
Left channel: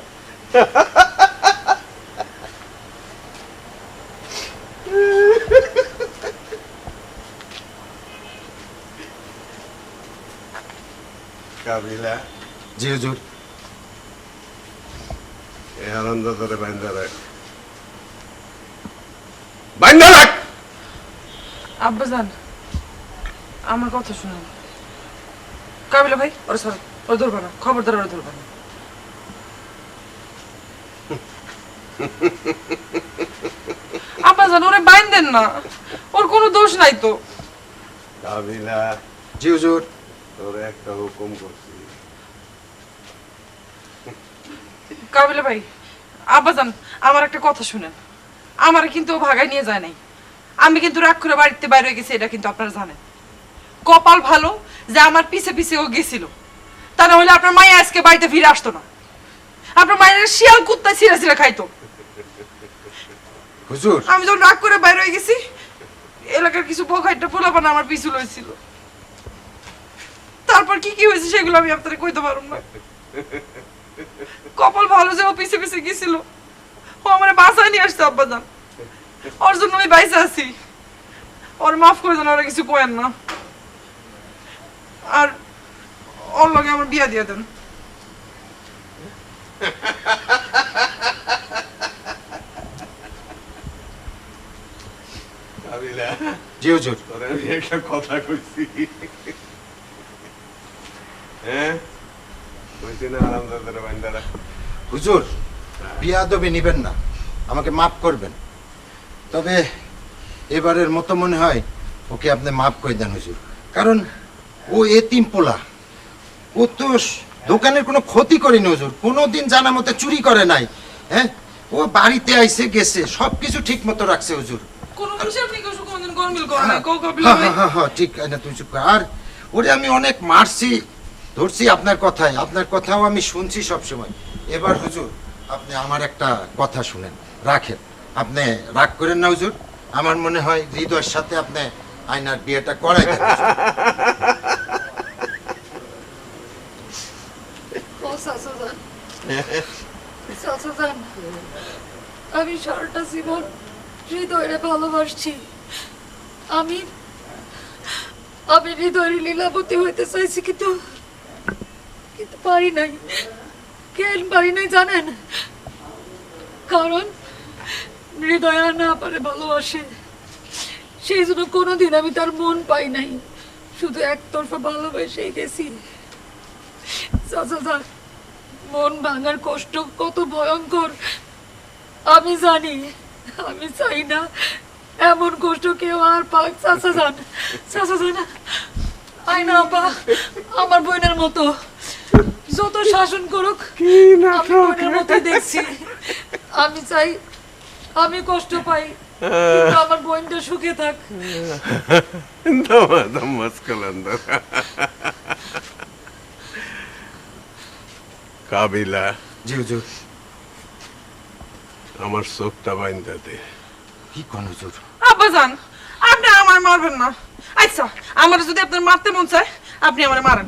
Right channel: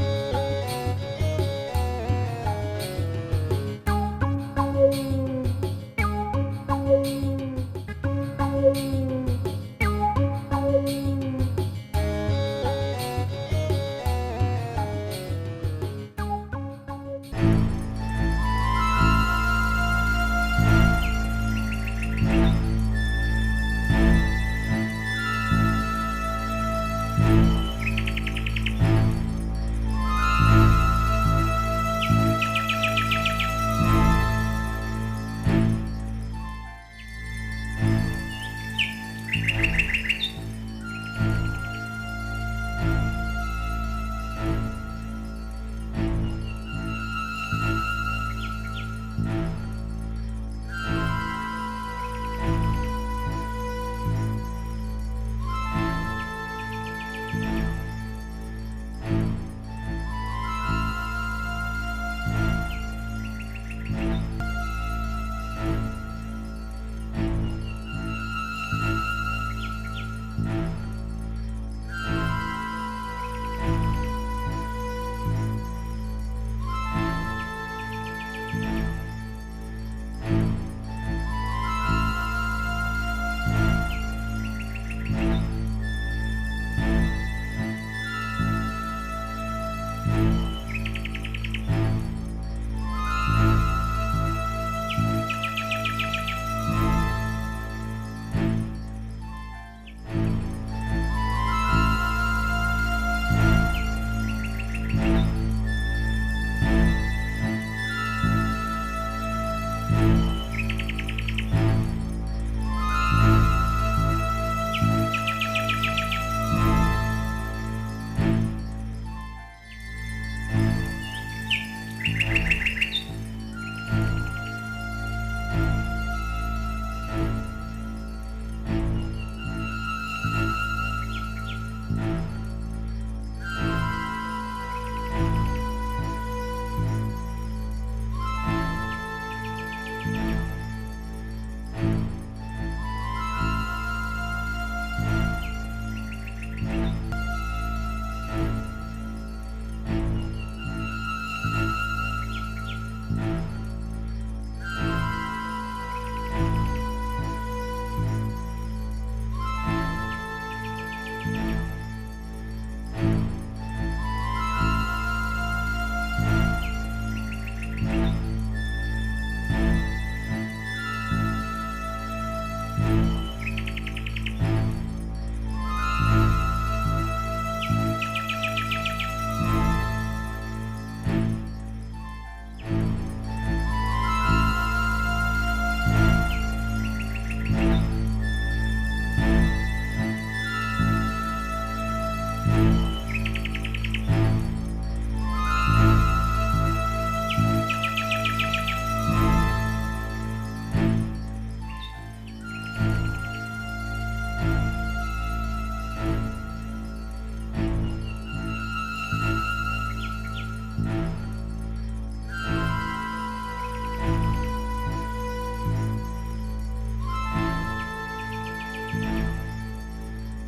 কাবিলা, জি হুজুর। এই আনন্দ ধরে বাইন্দা রাখ, বাইন্দা রাখ। আব্বা জান, আমার কথা শুনুন। কাবিলা ভাই, ওর সর, ওর ধরবো না, খবরদার ওর ধরবো না। আব্বা জান, ওরে বাইন দেন না, ওর কোনো দোষ নাই তো। কাবিলা, জি হুজুর। তোরে একটা হুকুম করছি। কাবিলা ভাই, আব্বা জান, আমার একটা কথা শুনেন। আমার কিন্তু ও ভাগায় নিয়ে যায় নাই। আমি কিন্তু রাগ করে বাড়িতে বাইরে হয়ে গেছি, এটা কিন্তু আপনারা জানেন। কপাল ভালো যে আমার পিছে পিছে ও গেছিল, তা না হলে আপনার মায়া আজকে বাড়িতে ফিরে আসতো না। আপনার মায়ের শিয়াল কুত্তা ছিঁড়া ছিঁড়া খাইতো। হুজুর, আমি যখন রাগ করে বাইরে হয়ে গেছি, এলাকার কিছু বখাইটা পোলাপানা আমার পিছু লইছিল। তারপর কি কি হয়েছে সেগুলো আমি আপনাদের কইতে পারব না। কপাল ভালো যে ও পিছে পিছে গেছিল, ও আমার বাসায় নিয়ে আসতো আব্বা জান। ওর জন্য আমি বাইসে আছি। ওর মাফ করে দেন, ওরা কিছু কয়েন না। আর ওর লগে আমার বিয়া দিয়ে দেন। কাবিলা, জি হুজুর। তোরে আমি একটা কথা কইছি। হ্যাঁ, তুই যেন আনন্দ ধরে বাইন্দা রাখ। হুজুর, বিয়াদবি নিবেন না, আমাকে মাফ করবেন। তবে এবারের মতো মনে হয় ওকে আপনি মাফ করে দেন হুজুর। কারণ ও এতিম পোলা, ও তো দোকানের কোনো ক্ষতি করেনি হুজুর, কোনোদিন জানা মতে চুরি করে নাই। হ্যাঁ, ও বাড়িতে আইসে গেছে, সবকিছু ঠিক মতো রাখছে হুজুর। কোন হিসাব নিকাশ কোনদিন গরমিল করে নাই, কও কাবিলা হ্যাঁ ভাই। হ্যাঁ হ্যাঁ, ঠিক না, তুই চুপ কর। আর ওরে আমি অনেক মারছি, ধরছি আপনার কথায়, আপনার কথাও আমি শুনছি সব সময়। এবার হুজুর, আপনি আমার একটা কথা শুনেন, রাখেন। আপনি রাগ করেন না হুজুর, আমার মনে হয় হৃদয়ের সাথে আপনি আয়নার বিয়েটা করাই দেন হুজুর। আমি সারাটা জীবন হৃদয়ে ভালোবাসছি। আমি আমি হৃদয়ের লীলাবতী হইতে চাইছি, কিন্তু কিন্তু পারি নাই। কেন পারি নাই জানেন? কারণ হৃদয় আর না পারে ভালোবাসে। সেই জন্য কোনোদিন আমি তার মন পাই নাই, শুধু একতরফা ভালোবেসেই গেছি। চাচা যান, মন ভাঙার কষ্ট কত ভয়ঙ্কর আমি জানি। আমি চাই না এমন কষ্ট কেউ আর পাক। চাচা যান, চাচা যান, আই না আপা, আমার বোনের মতো যত শাসন করুক আমি বোনের মতো দেখছি। আমি চাই আমি কষ্ট পাই, কিন্তু আমার বোনটা সুখে থাক। দামাস দামাস কালান্দার। কাবিলা, জি হুজুর। আমার চোখটা বাইন্দা দে। কি কোন হুজুর? আব্বা জান, আপনি আমার মারবেন না। আচ্ছা, আমার যদি আপনার মারতে মন চায়, আপনি আমারে মারেন,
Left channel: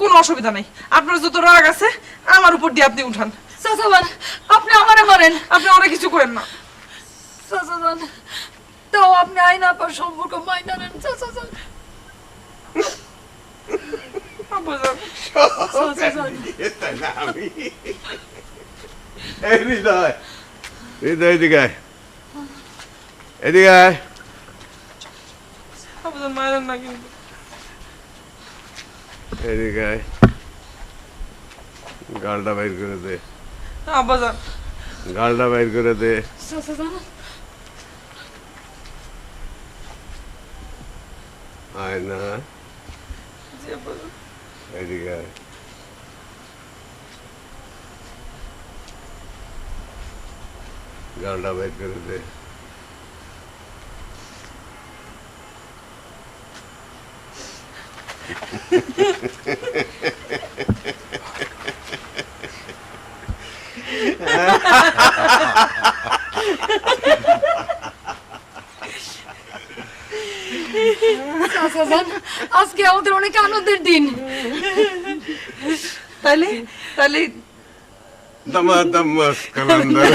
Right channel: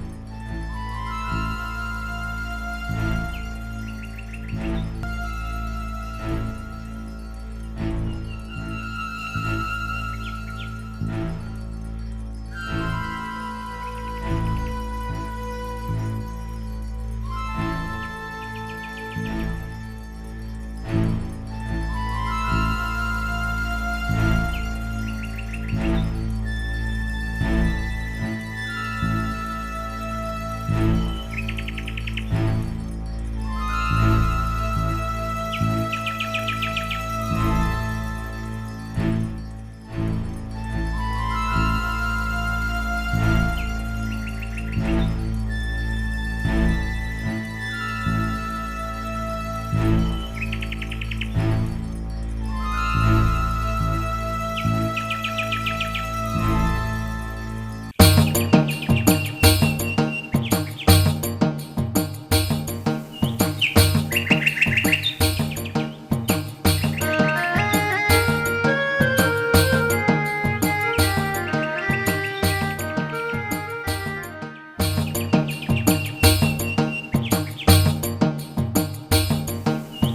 কোনো অসুবিধা নাই। আপনার যত রাগ আছে আমার উপর দিয়ে আপনি উঠান। চাচাবান আপনি আমারে মারেন, আপনি অনেক কিছু করেন না। চাচাবান তাও আপনি আইনা পর সম্পর্ক মাইনা নেন চাচাবান। আব্বাজান, আমি এই হৃদয়, হৃদয় এদিকে আয়, এদিকে আয়। আব্বাজান মারেন না কিন্তু। এদিকে আয়, গালটা বাইর করে দে, আব্বাজান, গালটা বাইর করে দে। আয় না, এদিকে আয়। গালটা বাইর করে দে। চাচাবান আজকে আমাদের অনেক আনন্দের দিন। তাহলে তাহলে Tama, tama, kalandar.